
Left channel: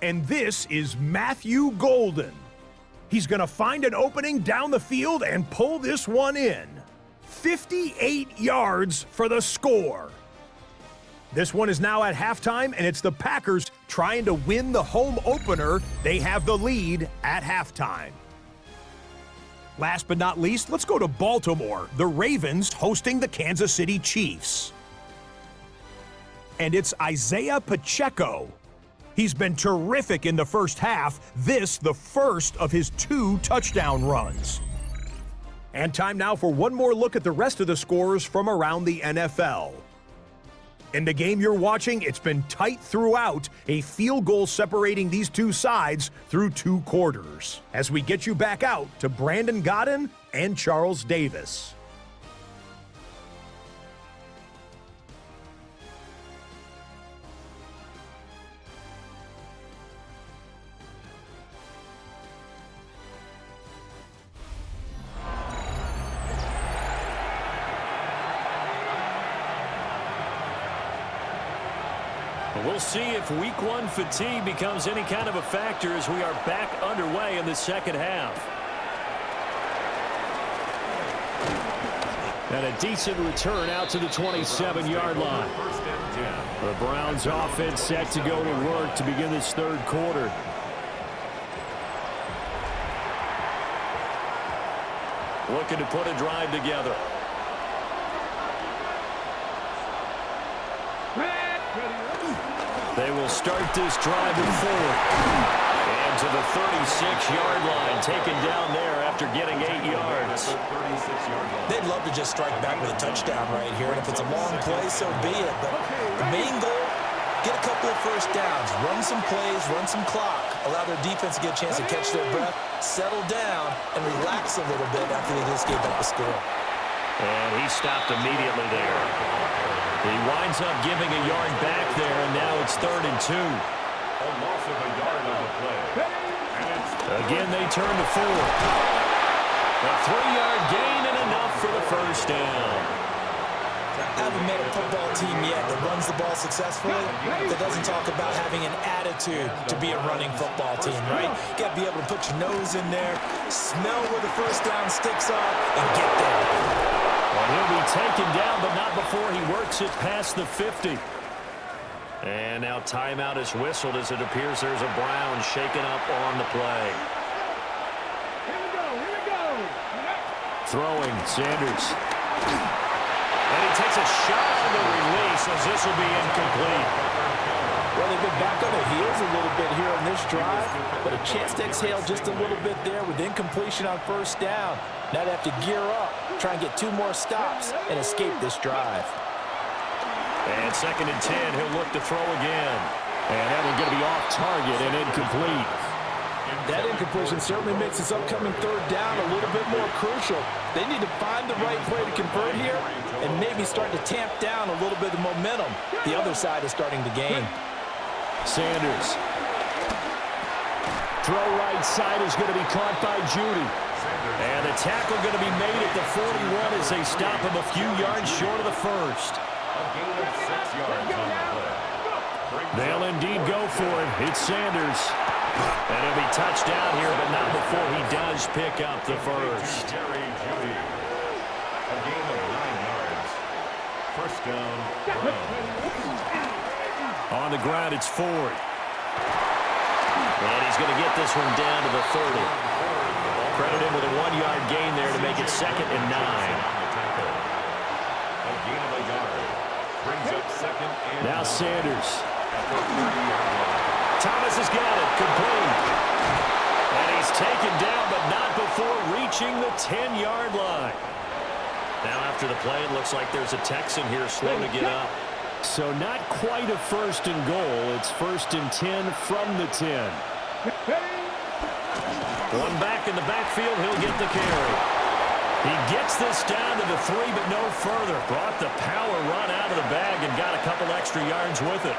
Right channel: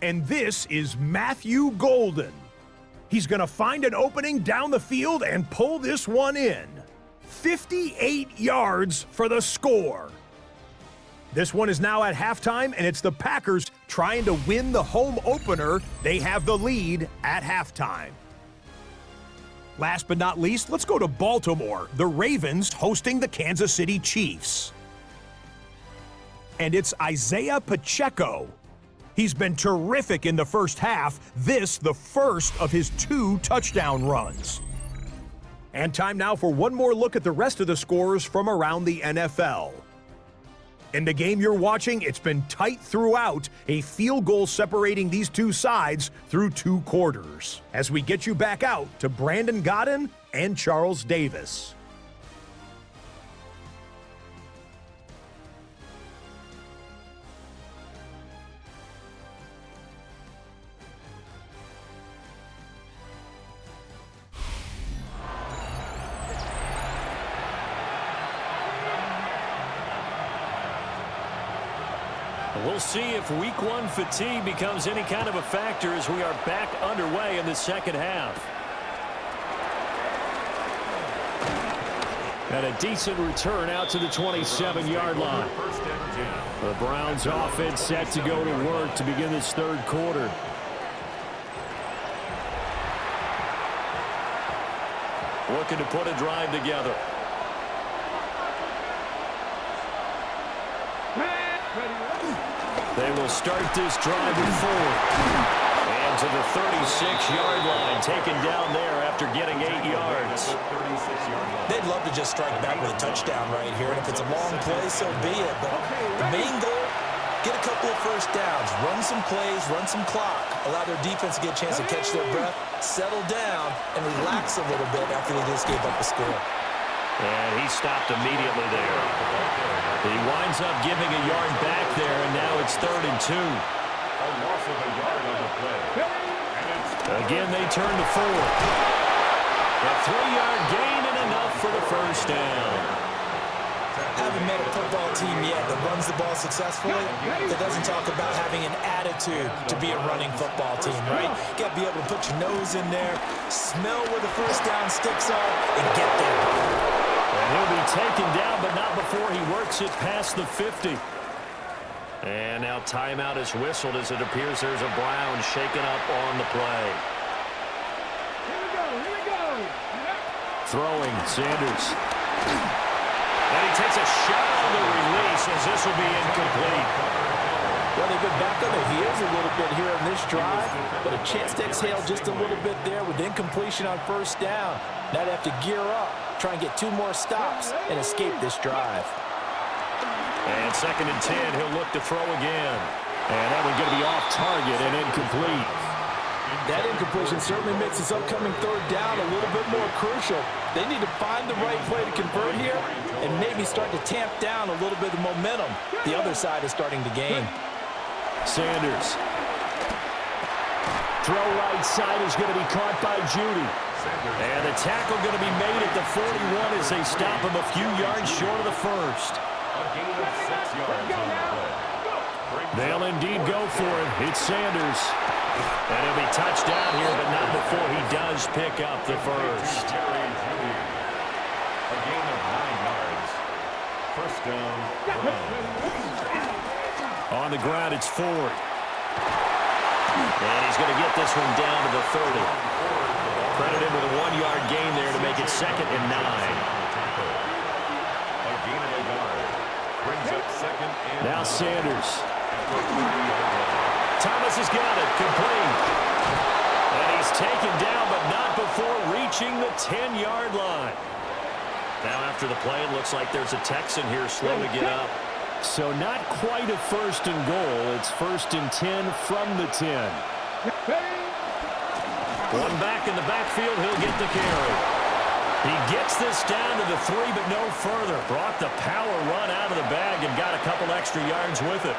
And this is Matthew Golden. He's going to find an opening down the field and pull this one in. 58 yards for the score. This one is now at halftime, and it's the Packers trying to win the home opener. They have the lead at halftime. Last but not least, let's go to Baltimore. The Ravens hosting the Kansas City Chiefs. And it's Isaiah Pacheco. He's been terrific in the first half. This, the first of his 2 touchdown runs. And time now for one more look at the rest of the scores from around the NFL. In the game you're watching, it's been tight throughout, a field goal separating these two sides through 2 quarters. As we get you back out to Brandon Godden and Charles Davis. We'll see if week one fatigue becomes any kind of a factor as we are back underway in the second half. And a decent return out to the 27-yard line. The Browns offense set to go to work to begin this third quarter. Looking to put a drive together. They will start this drive with 4. And to the 36-yard line, taken down there after getting 8 yards. They'd love to just strike back with a touchdown right here, and if it's a long play, so be it. But the main goal, get a couple of first downs, run some plays, run some clock, allow their defense to get a chance to catch their breath, settle down, and relax a little bit after they just gave up a score. And he stopped immediately there. He winds up giving a yard back there, and now it's 3rd and 2. A loss of a yard on the play. And again, they turn to 4. A 3-yard gain and enough for the first down. Haven't met a football team yet that runs the ball successfully that doesn't talk about having an attitude to be a running football team, right? You got to be able to put your nose in there, smell where the first down sticks are, and get there. And he'll be taken down, but not before he works it past the 50. And now timeout is whistled as it appears there's a Brown shaken up on the play. Here we go, here we go. Throwing, Sanders. And he takes a shot on the release as this will be incomplete. Well, they've been back on their heels a little bit here on this drive, but a chance to exhale just a little bit there with incompletion on first down. Now they have to gear up, try and get 2 more stops, and escape this drive. And 2nd and 10, he'll look to throw again. And that one's going to be off target and incomplete. That incompletion certainly makes this upcoming 3rd down a little bit more crucial. They need to find the right play to convert here and maybe start to tamp down a little bit of momentum. The other side is starting to gain. Sanders. Throw right side is going to be caught by Judy. And the tackle going to be made at the 41 as they stop him a few yards short of the first. a gain of 6 yards on the play. They'll indeed go for it. It's Sanders. And he'll be touched down here, but not before he does pick up the first. Jerry Judy. A gain of 9 yards. First down, Browns. On the ground, it's Ford. And he's going to get this one down to the 30. Credit him with a 1-yard gain there to make it 2nd and 9. A gain of a yard. Brings up 2nd and now Sanders. at the 30-yard line. Thomas has got it, complete. And he's taken down, but not before reaching the 10-yard line. Now after the play, it looks like there's a Texan here slow to get up. So not quite a 1st and goal. It's 1st and 10 from the 10. One back in the backfield, he'll get the carry. He gets this down to the 3, but no further. Brought the power run out of the bag and got a couple extra yards with it.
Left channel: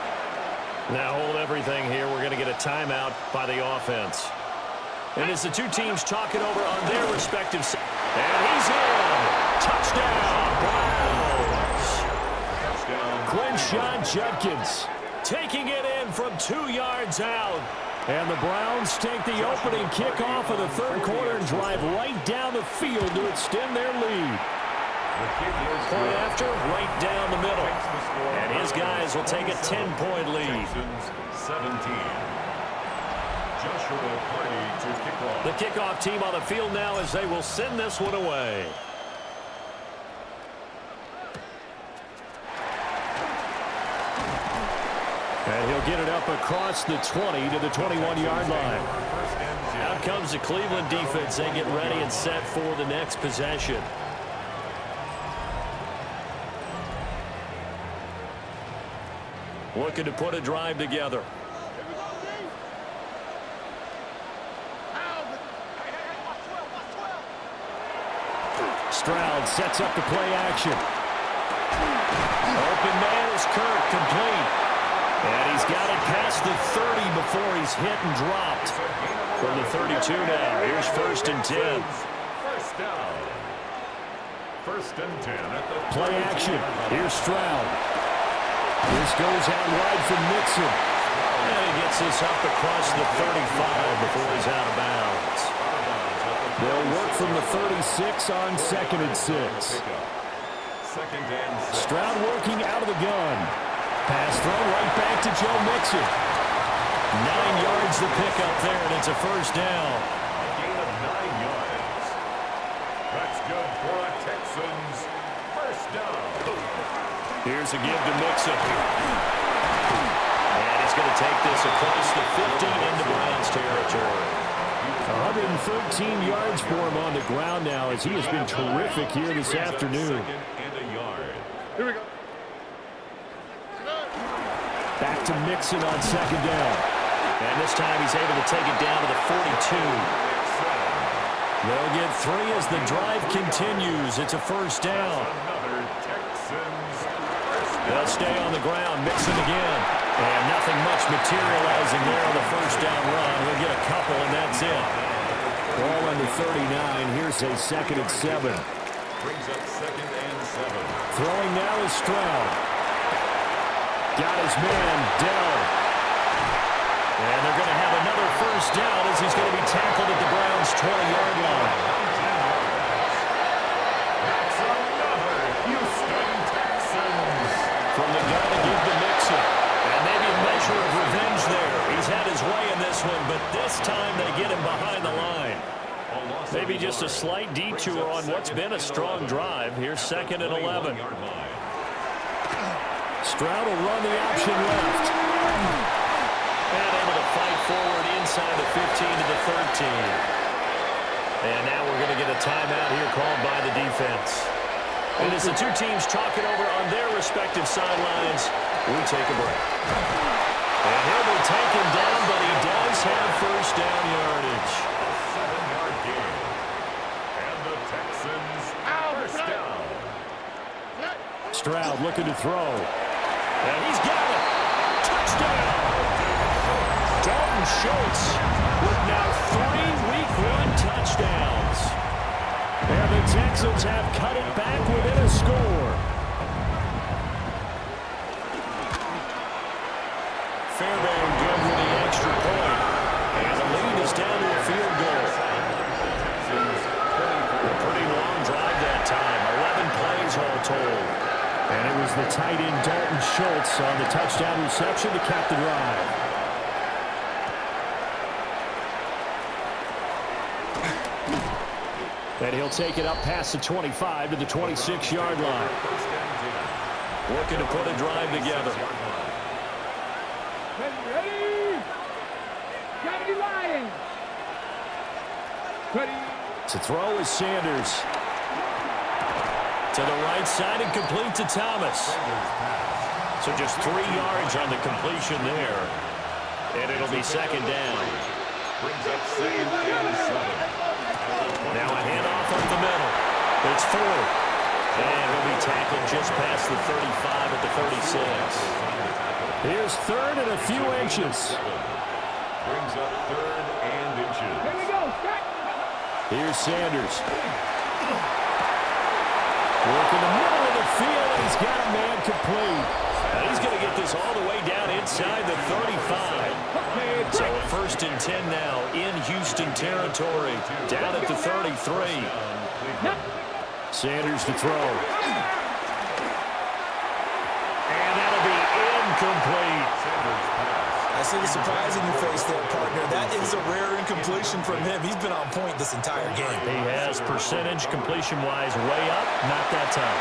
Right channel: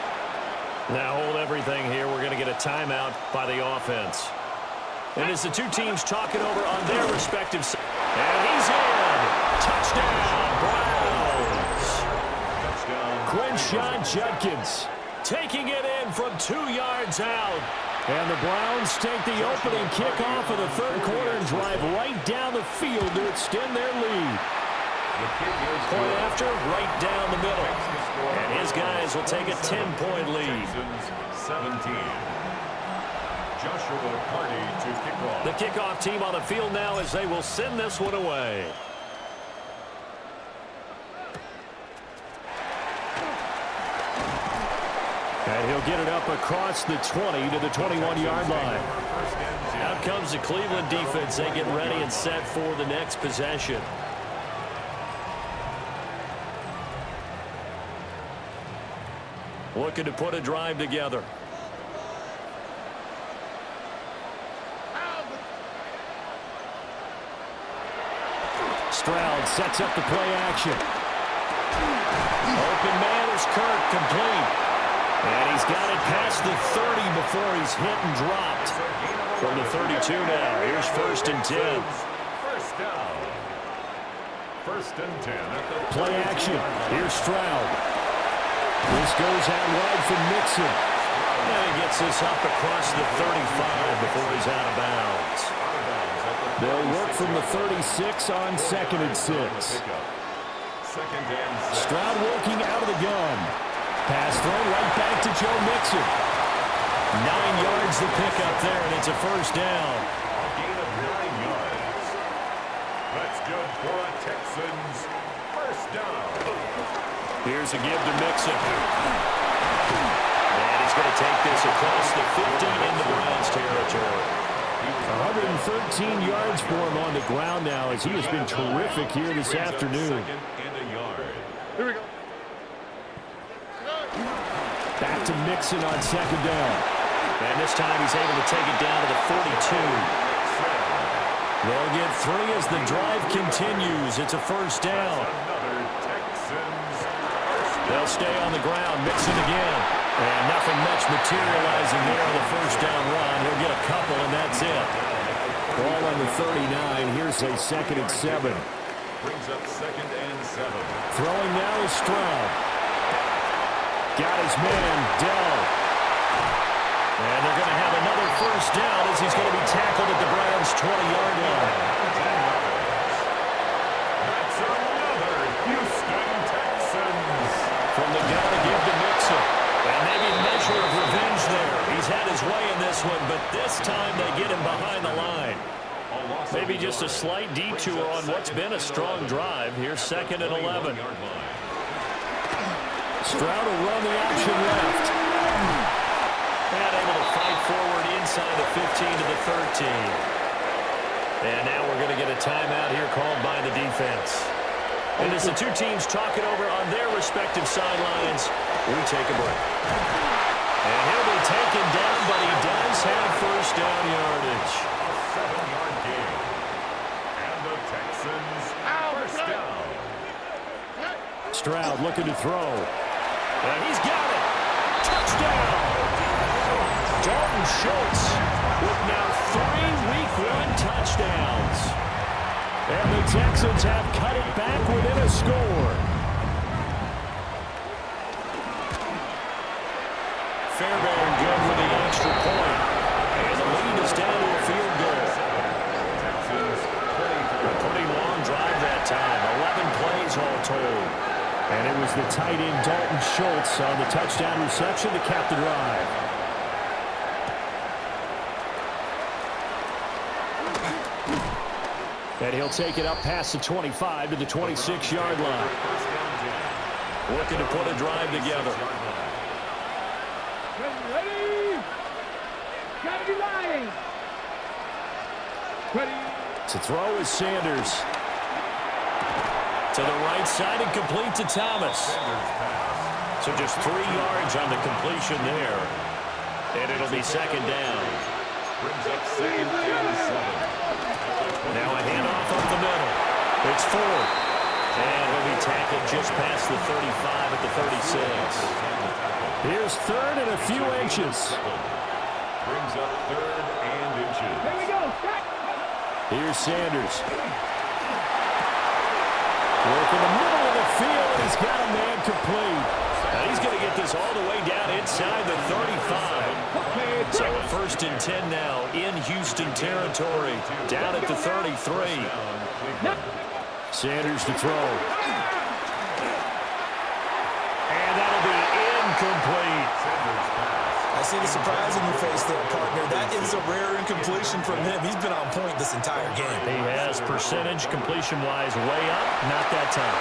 Now hold everything here. We're going to get a timeout by the offense. And as the two teams talk it over on their respective sides. And he's in. Touchdown, Browns. Touchdown. Quinshon Judkins taking it in from 2 yards out. And the Browns take the opening kickoff of the 3rd quarter and drive right down the field to extend their lead. The kick is Point good. after, right down the middle. Makes the score And his guys will take a 10-point lead. Texans 17. Joshua Carney to kick off. The kickoff team on the field now as they will send this one away. And he'll get it up across the 20 to the 21-yard line. First and 10. Out comes the Cleveland defense. They get ready and set for the next possession. Looking to put a drive together. Stroud sets up the play action. Open man is Kirk, complete. And he's got it past the 30 before he's hit and dropped. From the 32 now, here's 1st and 10. First down. 1st and 10 at the play action. Here's Stroud. This goes out wide from Mixon. And he gets this up across the 35 before he's out of bounds. They'll work from the 36 on 2nd and 6. Stroud working out of the gun. Pass thrown right back to Joe Mixon. 9 yards to pick up there, and it's a 1st down. A gain of 9 yards. That's good for a Texans 1st down. Here's a give to Mixon. And he's going to take this across the 50 into Browns territory. 113 yards for him on the ground now as he has been terrific here this afternoon. And a yard. Here we go. Back to Mixon on 2nd down. And this time he's able to take it down to the 42. They'll get 3 as the drive continues. It's a 1st down. Another Texans 1st down. They'll stay on the ground. Mixon again. And nothing much materializing there on the 1st down run. He'll get a couple, and that's it. Ball on the 39. Here's a 2nd and 7. Brings up 2nd and 7. Throwing now is Stroud. Got his man, Dell. And they're going to have another 1st down as he's going to be tackled at the Browns' 20-yard line. 19 yards. That's another Houston Texans. From the gun to give to Mixon. And maybe a measure of revenge there. He's had his way in this one, but this time they get him behind the line. Maybe just a slight detour on what's been a strong drive. Here's 2nd and 11. Stroud will run the option left. And able to fight forward inside the 15 to the 13. And now we're going to get a timeout here called by the defense. And as the two teams talk it over on their respective sidelines, we take a break. And he'll be taken down, but he does have 1st down yardage. A 7-yard gain. And the Texans 1st down. Stroud looking to throw. And he's got it. Touchdown. Dalton Schultz with now 3 Week 1 touchdowns. And the Texans have cut it back within a score. Fairbairn good with the extra point. And the lead is down to a field goal. A pretty long drive that time. 11 plays all told. And it was the tight end Dalton Schultz on the touchdown reception to cap the drive. And he'll take it up past the 25 to the 26-yard line. Looking to put a drive together. Ready? Gotta be lying. Ready? To throw is Sanders. To the right side and complete to Thomas. So just 3 yards on the completion there. And it'll be 2nd down. Brings up 2nd and 7. Now a handoff up the middle. It's Ford. And he'll be tackled just past the 35 at the 36. Here's 3rd and a few inches. Brings up 3rd and inches. Here we go. Start. Here's Sanders. Work in the middle of the field, and he's got a man complete. And he's going to get this all the way down inside the 35. So a 1st and 10 now in Houston territory, down at the 33. Sanders to throw. And that'll be incomplete. Sanders pass. I see the surprise in your face there, partner. That is a rare incompletion from him. He's been on point this entire game. He has percentage completion-wise way up. Not that time.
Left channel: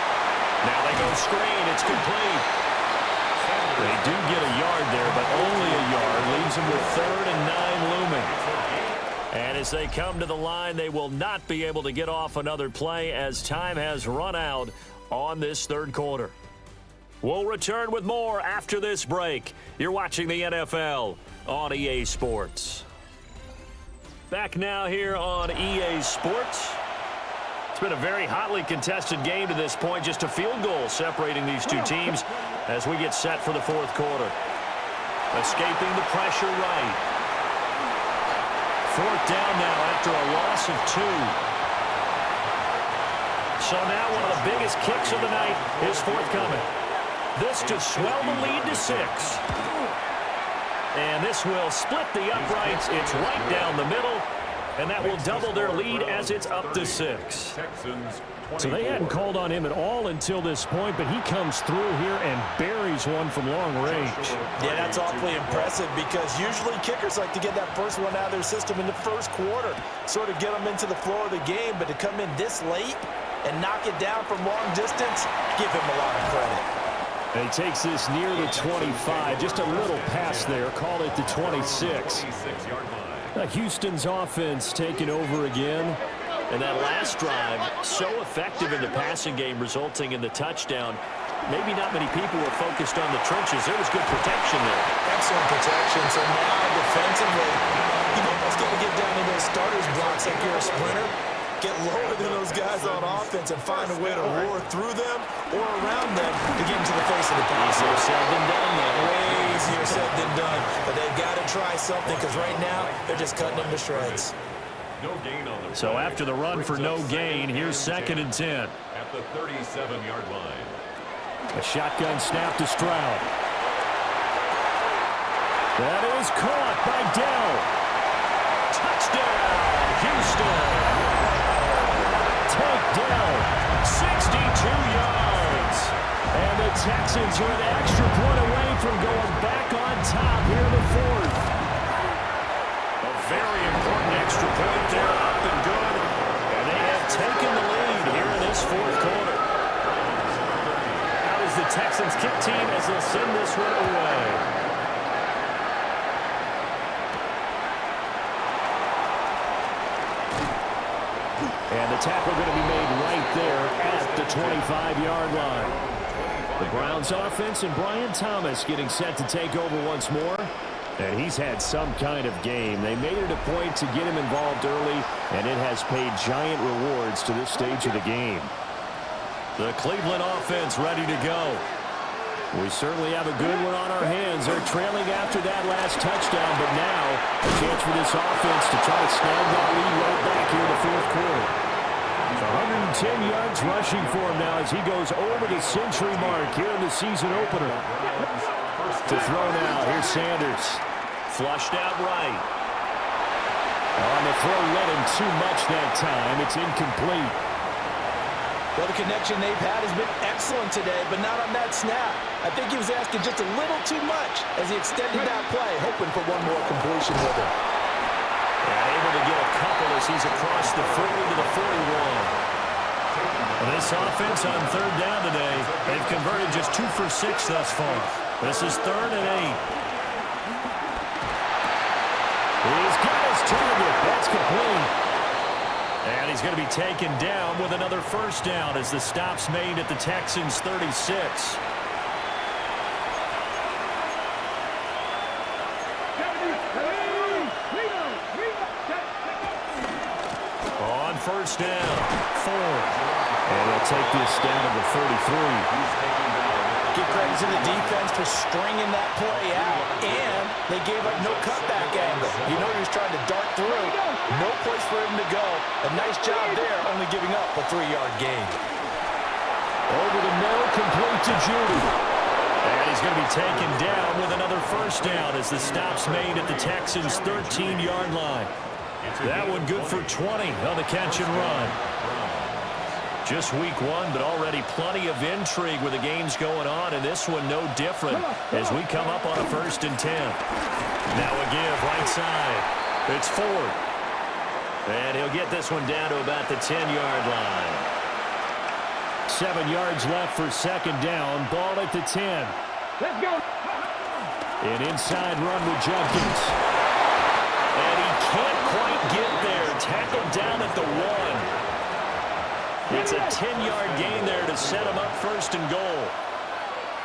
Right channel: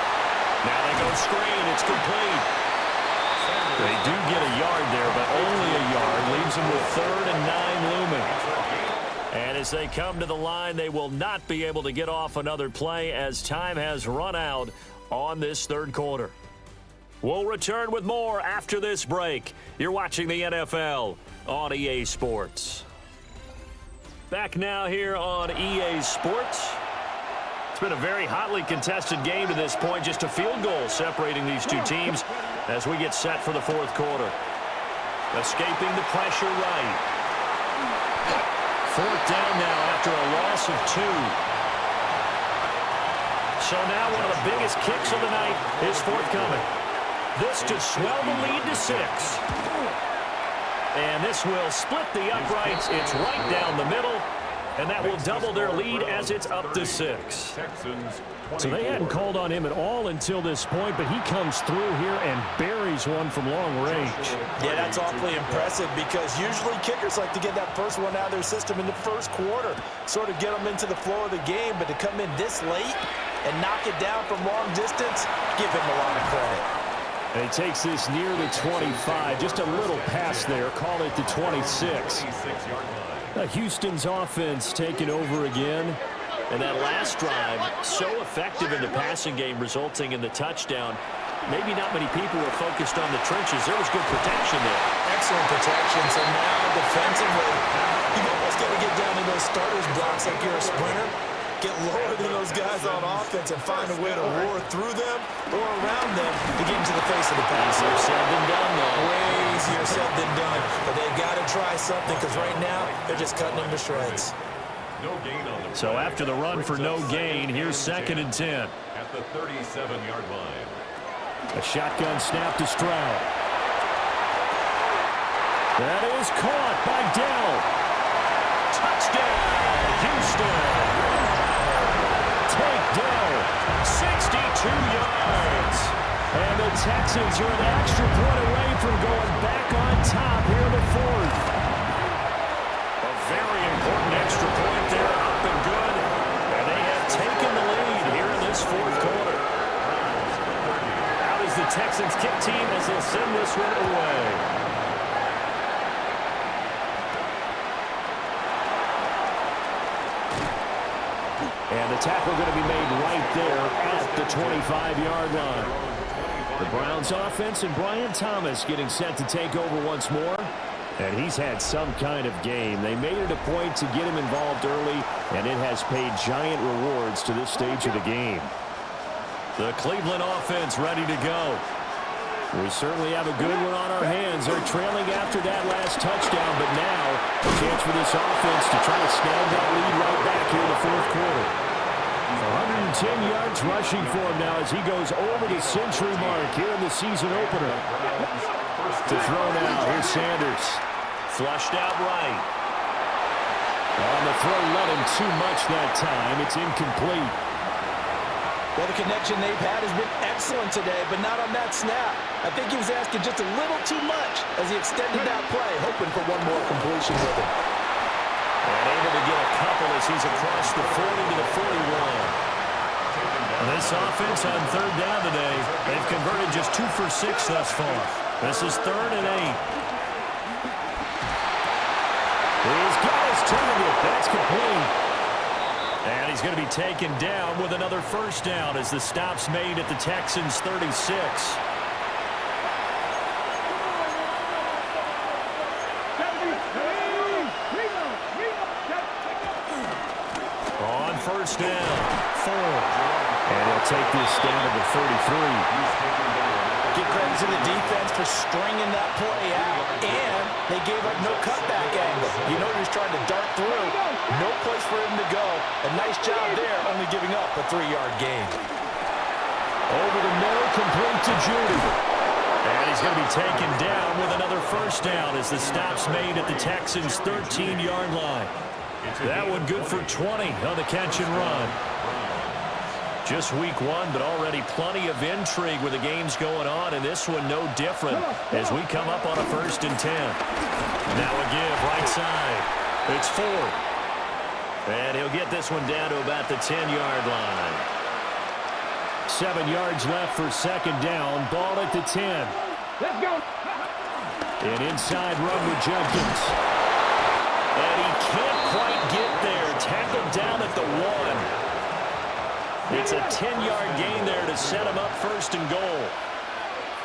Now they go screen. It's complete. They do get a yard there, but only a yard. Leaves them with 3rd and 9 looming. And as they come to the line, they will not be able to get off another play as time has run out on this 3rd quarter. We'll return with more after this break. You're watching the NFL on EA Sports. Back now here on EA Sports. It's been a very hotly contested game to this point. Just a field goal separating these two teams as we get set for the fourth quarter. Escaping the pressure right. Fourth down now after a loss of 2. So now one of the biggest kicks of the night is forthcoming. This to swell the lead to 6. And this will split the uprights. It's right down the middle. And that will double their lead as it's up to 6. So they hadn't called on him at all until this point, but he comes through here and buries one from long range. Yeah, that's awfully impressive because usually kickers like to get that first one out of their system in the first quarter, sort of get them into the flow of the game, but to come in this late and knock it down from long distance, give him a lot of credit. And he takes this near the 25, just a little pass there, call it the 26. Houston's offense taking over again. And that last drive, so effective in the passing game, resulting in the touchdown. Maybe not many people were focused on the trenches. There was good protection there. Excellent protection. So now defensively, you've almost got to get down to those starters blocks like you're a sprinter. Get lower than those guys on offense and find a way to roar through them or around them to get into the face of the pass. Easier said than done, though. Way easier said than done. But they've got to try something because right now they're just cutting them to shreds. No gain on the So after the run for no gain, here's 2nd and 10. At the 37-yard line. A shotgun snap to Stroud. That is caught by Dell. Touchdown, Houston. Take Dell, 62 yards. And the Texans are an extra point away from going back on top here in the fourth. A very important extra point there, up and good. And they have taken the lead here in this fourth quarter. Out is the Texans kick team as they'll send this one away. And the tackle going to be made right there at the 25-yard line. The Browns offense and Brian Thomas getting set to take over once more. And he's had some kind of game. They made it a point to get him involved early, and it has paid giant rewards to this stage of the game. The Cleveland offense ready to go. We certainly have a good one on our hands. They're trailing after that last touchdown, but now a chance for this offense to try to snag that lead right back here in the fourth quarter. 110 yards rushing for him now as he goes over the century mark here in the season opener. To throw now, here's Sanders. Flushed out right. On the throw, let him too much that time. It's incomplete. Well, the connection they've had has been excellent today, but not on that snap. I think he was asking just a little too much as he extended that play, hoping for one more completion with him. And able to get a couple as he's across the 40 to the 41. And this offense on third down today, they've converted just 2 for 6 thus far. This is 3rd and 8. He's got his target. That's complete. And he's going to be taken down with another first down as the stop's made at the Texans' 36. On first down, 4. And he'll take this down to the 33. Give credit to the defense for stringing that play out, and they gave up no cutback angle. You know he was trying to dart through. No place for him to go. A nice job there, only giving up a 3-yard gain. Over the middle, complete to Judy. And he's going to be taken down with another first down as the stop's made at the Texans' 13-yard line. That one good for 20 on the catch and run. Just week 1, but already plenty of intrigue with the games going on, and this one no different as we come up on a 1st and 10. Now a give right side. It's Ford. And he'll get this one down to about the 10-yard line. 7 yards left for 2nd down. Ball at the 10. Let's go. An inside run with Judkins. And he can't quite get there. Tackled down at the 1. It's a 10-yard gain there to set him up 1st and goal.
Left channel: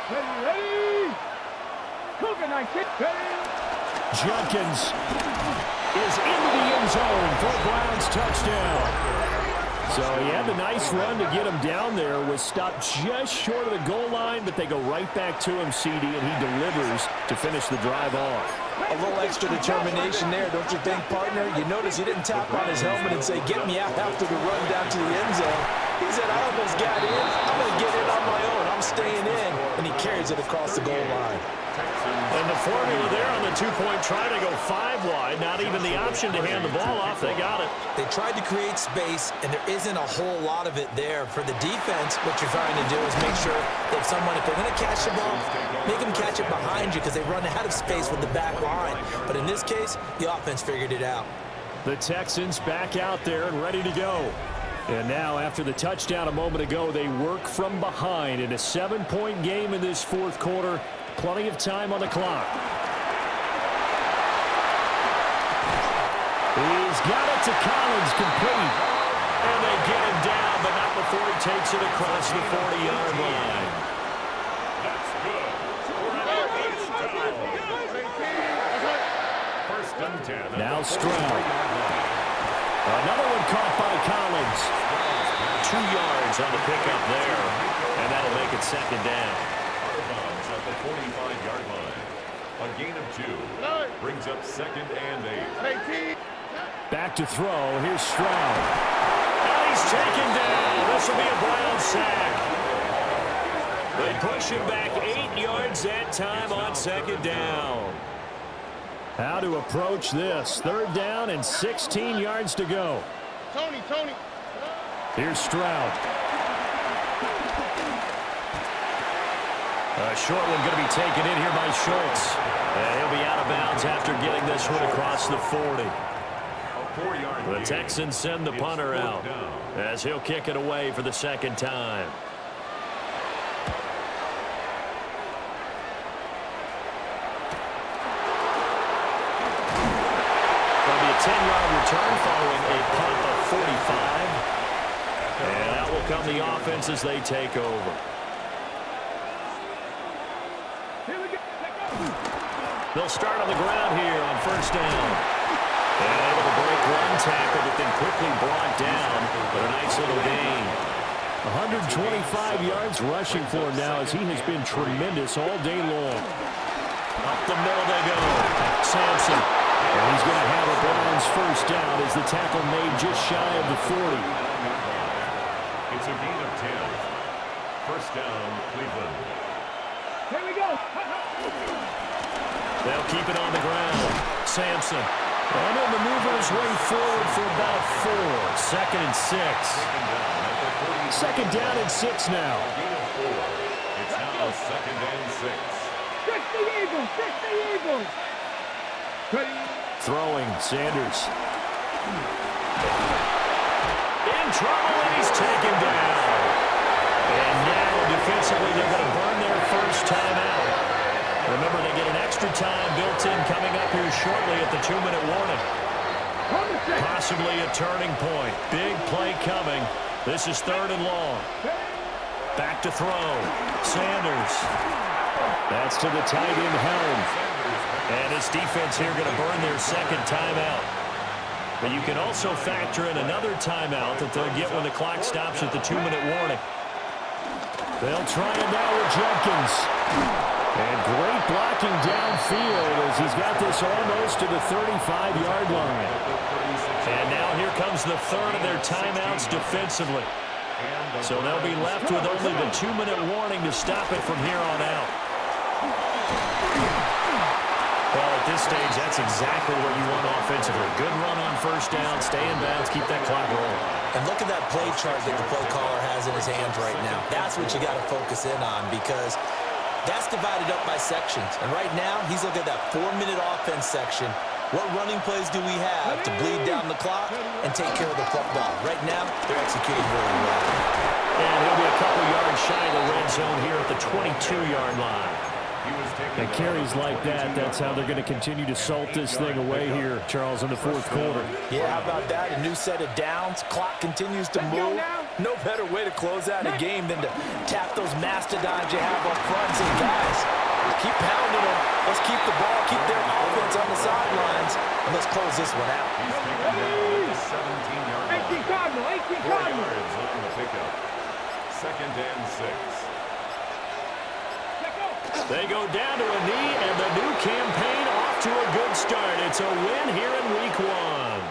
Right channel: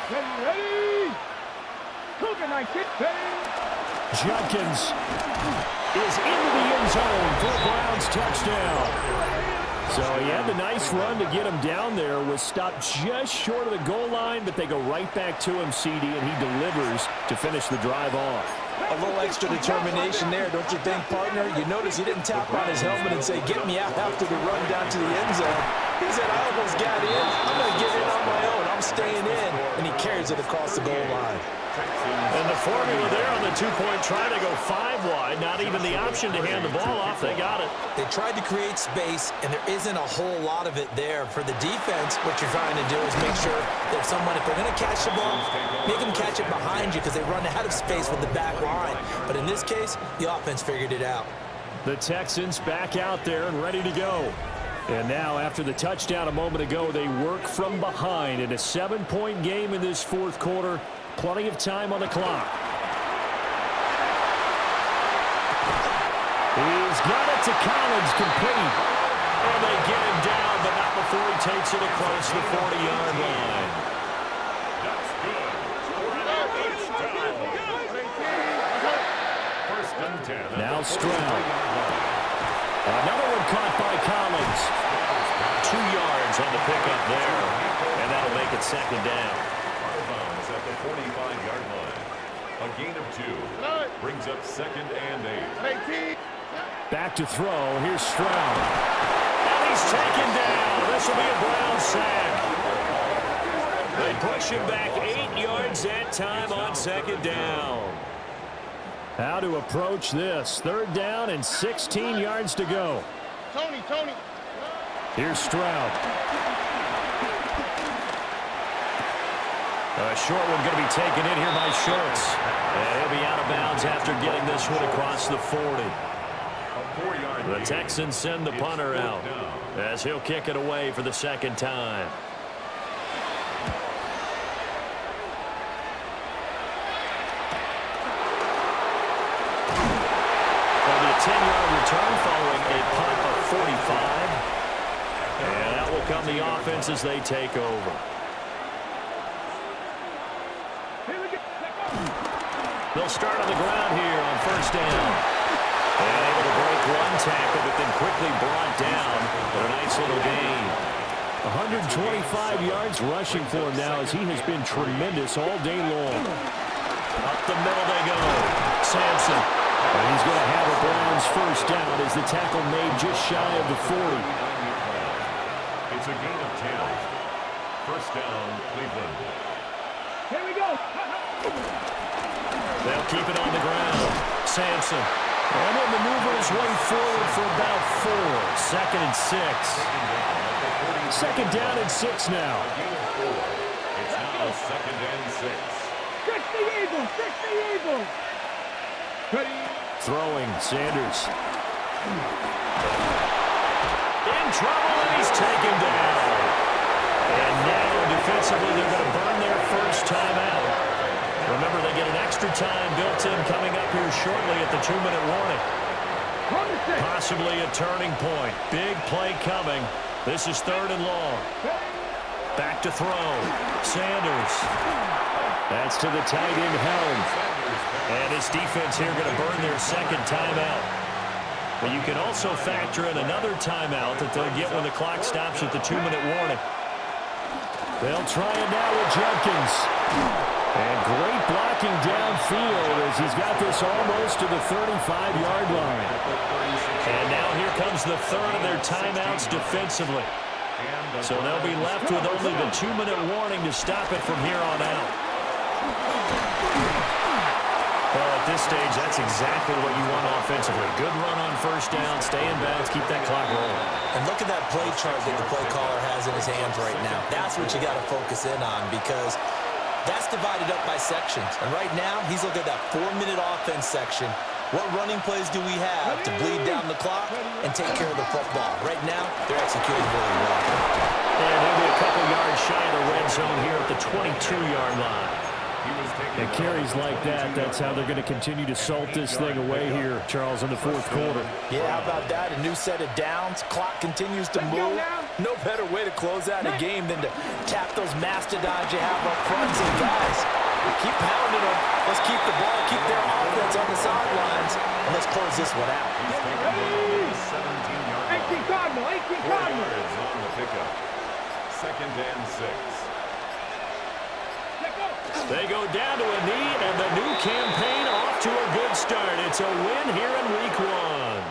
Ready. Cougar 19. Ready. Judkins is into the end zone for a Browns touchdown. So he had the nice run to get him down there, was stopped just short of the goal line, but they go right back to him, CD, and he delivers to finish the drive off. A little extra determination there, don't you think, partner? You notice he didn't tap on his helmet and say, get me out after the run down to the end zone. He said, I almost got in. I'm going to get in on my own. I'm staying in. And he carries it across the goal line. And the formula there on the two-point try to go 5 wide. Not even the option to hand the ball off. They got it. They tried to create space, and there isn't a whole lot of it there. For the defense, what you're trying to do is make sure that if they're going to catch the ball, make them catch it behind you because they run out of space with the back line. But in this case, the offense figured it out. The Texans back out there and ready to go. And now, after the touchdown a moment ago, they work from behind in a 7-point game in this fourth quarter. Plenty of time on the clock. He's got it to Collins, complete. And they get him down, but not before he takes it across the 40-yard line. That's good. For an first down. First and 10. Now Stroud. Another one caught by Collins. 2 yards on the pickup there, and that'll make it second down. Out of bounds at the 45-yard line. A gain of 2 brings up second and 8. Back to throw. Here's Stroud. And he's taken down. This will be a Brown sack. They push him back 8 yards that time on second down. How to approach this. Third down and 16 yards to go. Tony. Here's Stroud. A short one going to be taken in here by Schultz. And he'll be out of bounds after getting this one across the 40. The Texans send the punter out as he'll kick it away for the second time. There'll be a 10-yard return following a punt of 45. And that will come the offense as they take over. They'll start on the ground here on first down. And able to break one tackle, but then quickly brought down. But a nice little gain. 125 yards rushing for him now as he has been tremendous all day long. Up the middle they go. Sampson. And he's going to have a Browns first down as the tackle made just shy of the 40. It's a gain of 10. First down, Cleveland. Here we go. They'll keep it on the ground. Sampson. And he'll maneuver his way forward for about 4. Second and 6. Second down and 6 now. It's now second and 6. 60 Eagles. Ready. Throwing, Sanders. In trouble, and he's taken down. And now, defensively, they're going to burn their first timeout. Remember, they get an extra time built in coming up here shortly at the 2-minute warning. Possibly a turning point. Big play coming. This is third and long. Back to throw. Sanders. That's to the tight end Helm. And his defense here going to burn their second timeout. But you can also factor in another timeout that they'll get when the clock stops at the 2-minute warning. They'll try it now with Jenkins. And great blocking downfield as he's got this almost to the 35-yard line. And now here comes the third of their timeouts defensively. So they'll be left with only the 2-minute warning to stop it from here on out. Well, at this stage, that's exactly what you want offensively. Good run on first down, stay in bounds, keep that clock rolling. And look at that play chart that the play caller has in his hands right now. That's what you got to focus in on because that's divided up by sections. And right now, he's looking at that 4-minute offense section. What running plays do we have to bleed down the clock and take care of the football? Right now, they're executing really well. And he'll be a couple yards shy of the red zone here at the 22-yard line. And carries like that, that's how they're going to continue to salt this thing away here, Charles, in the fourth quarter. Yeah, how about that? A new set of downs. Clock continues to move. No better way to close out a game than to tap those mastodons you have up front and say, guys, keep pounding them. Let's keep the ball, keep their offense on the sidelines. And let's close this one out. He's taken down at the 17-yard line. 18 Cardinal, 18 4 Cardinal. yards on the pickup. 2nd and 6. They go down to a knee, and the new campaign off to a good start. It's a win here in Week 1.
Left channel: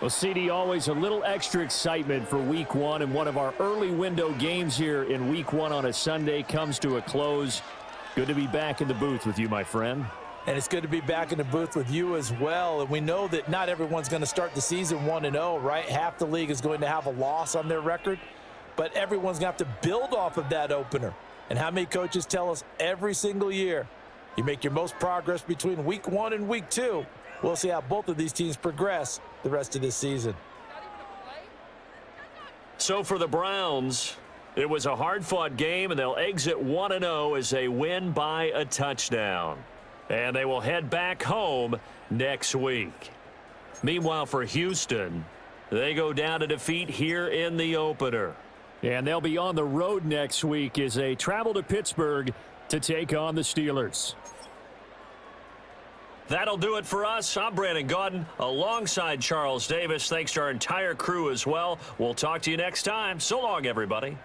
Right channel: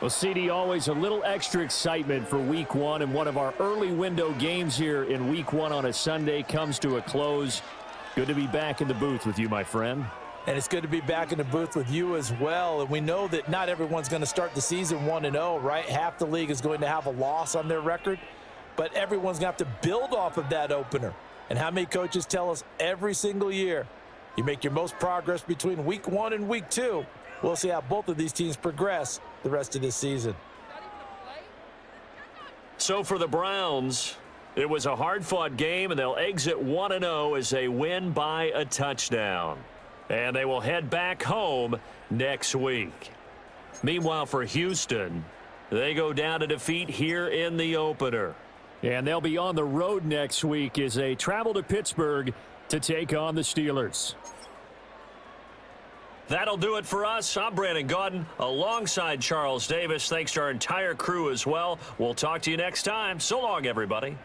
Well, CD, always a little extra excitement for Week 1, and one of our early window games here in Week 1 on a Sunday comes to a close. Good to be back in the booth with you, my friend. And it's good to be back in the booth with you as well. And we know that not everyone's going to start the season 1-0, right? Half the league is going to have a loss on their record, but everyone's going to have to build off of that opener. And how many coaches tell us every single year, you make your most progress between Week 1 and Week 2. We'll see how both of these teams progress the rest of this season. So for the Browns, it was a hard-fought game, and they'll exit 1-0 as they win by a touchdown. And they will head back home next week. Meanwhile, for Houston, they go down to defeat here in the opener. And they'll be on the road next week as they travel to Pittsburgh to take on the Steelers. That'll do it for us. I'm Brandon Gaudin alongside Charles Davis. Thanks to our entire crew as well. We'll talk to you next time. So long, everybody.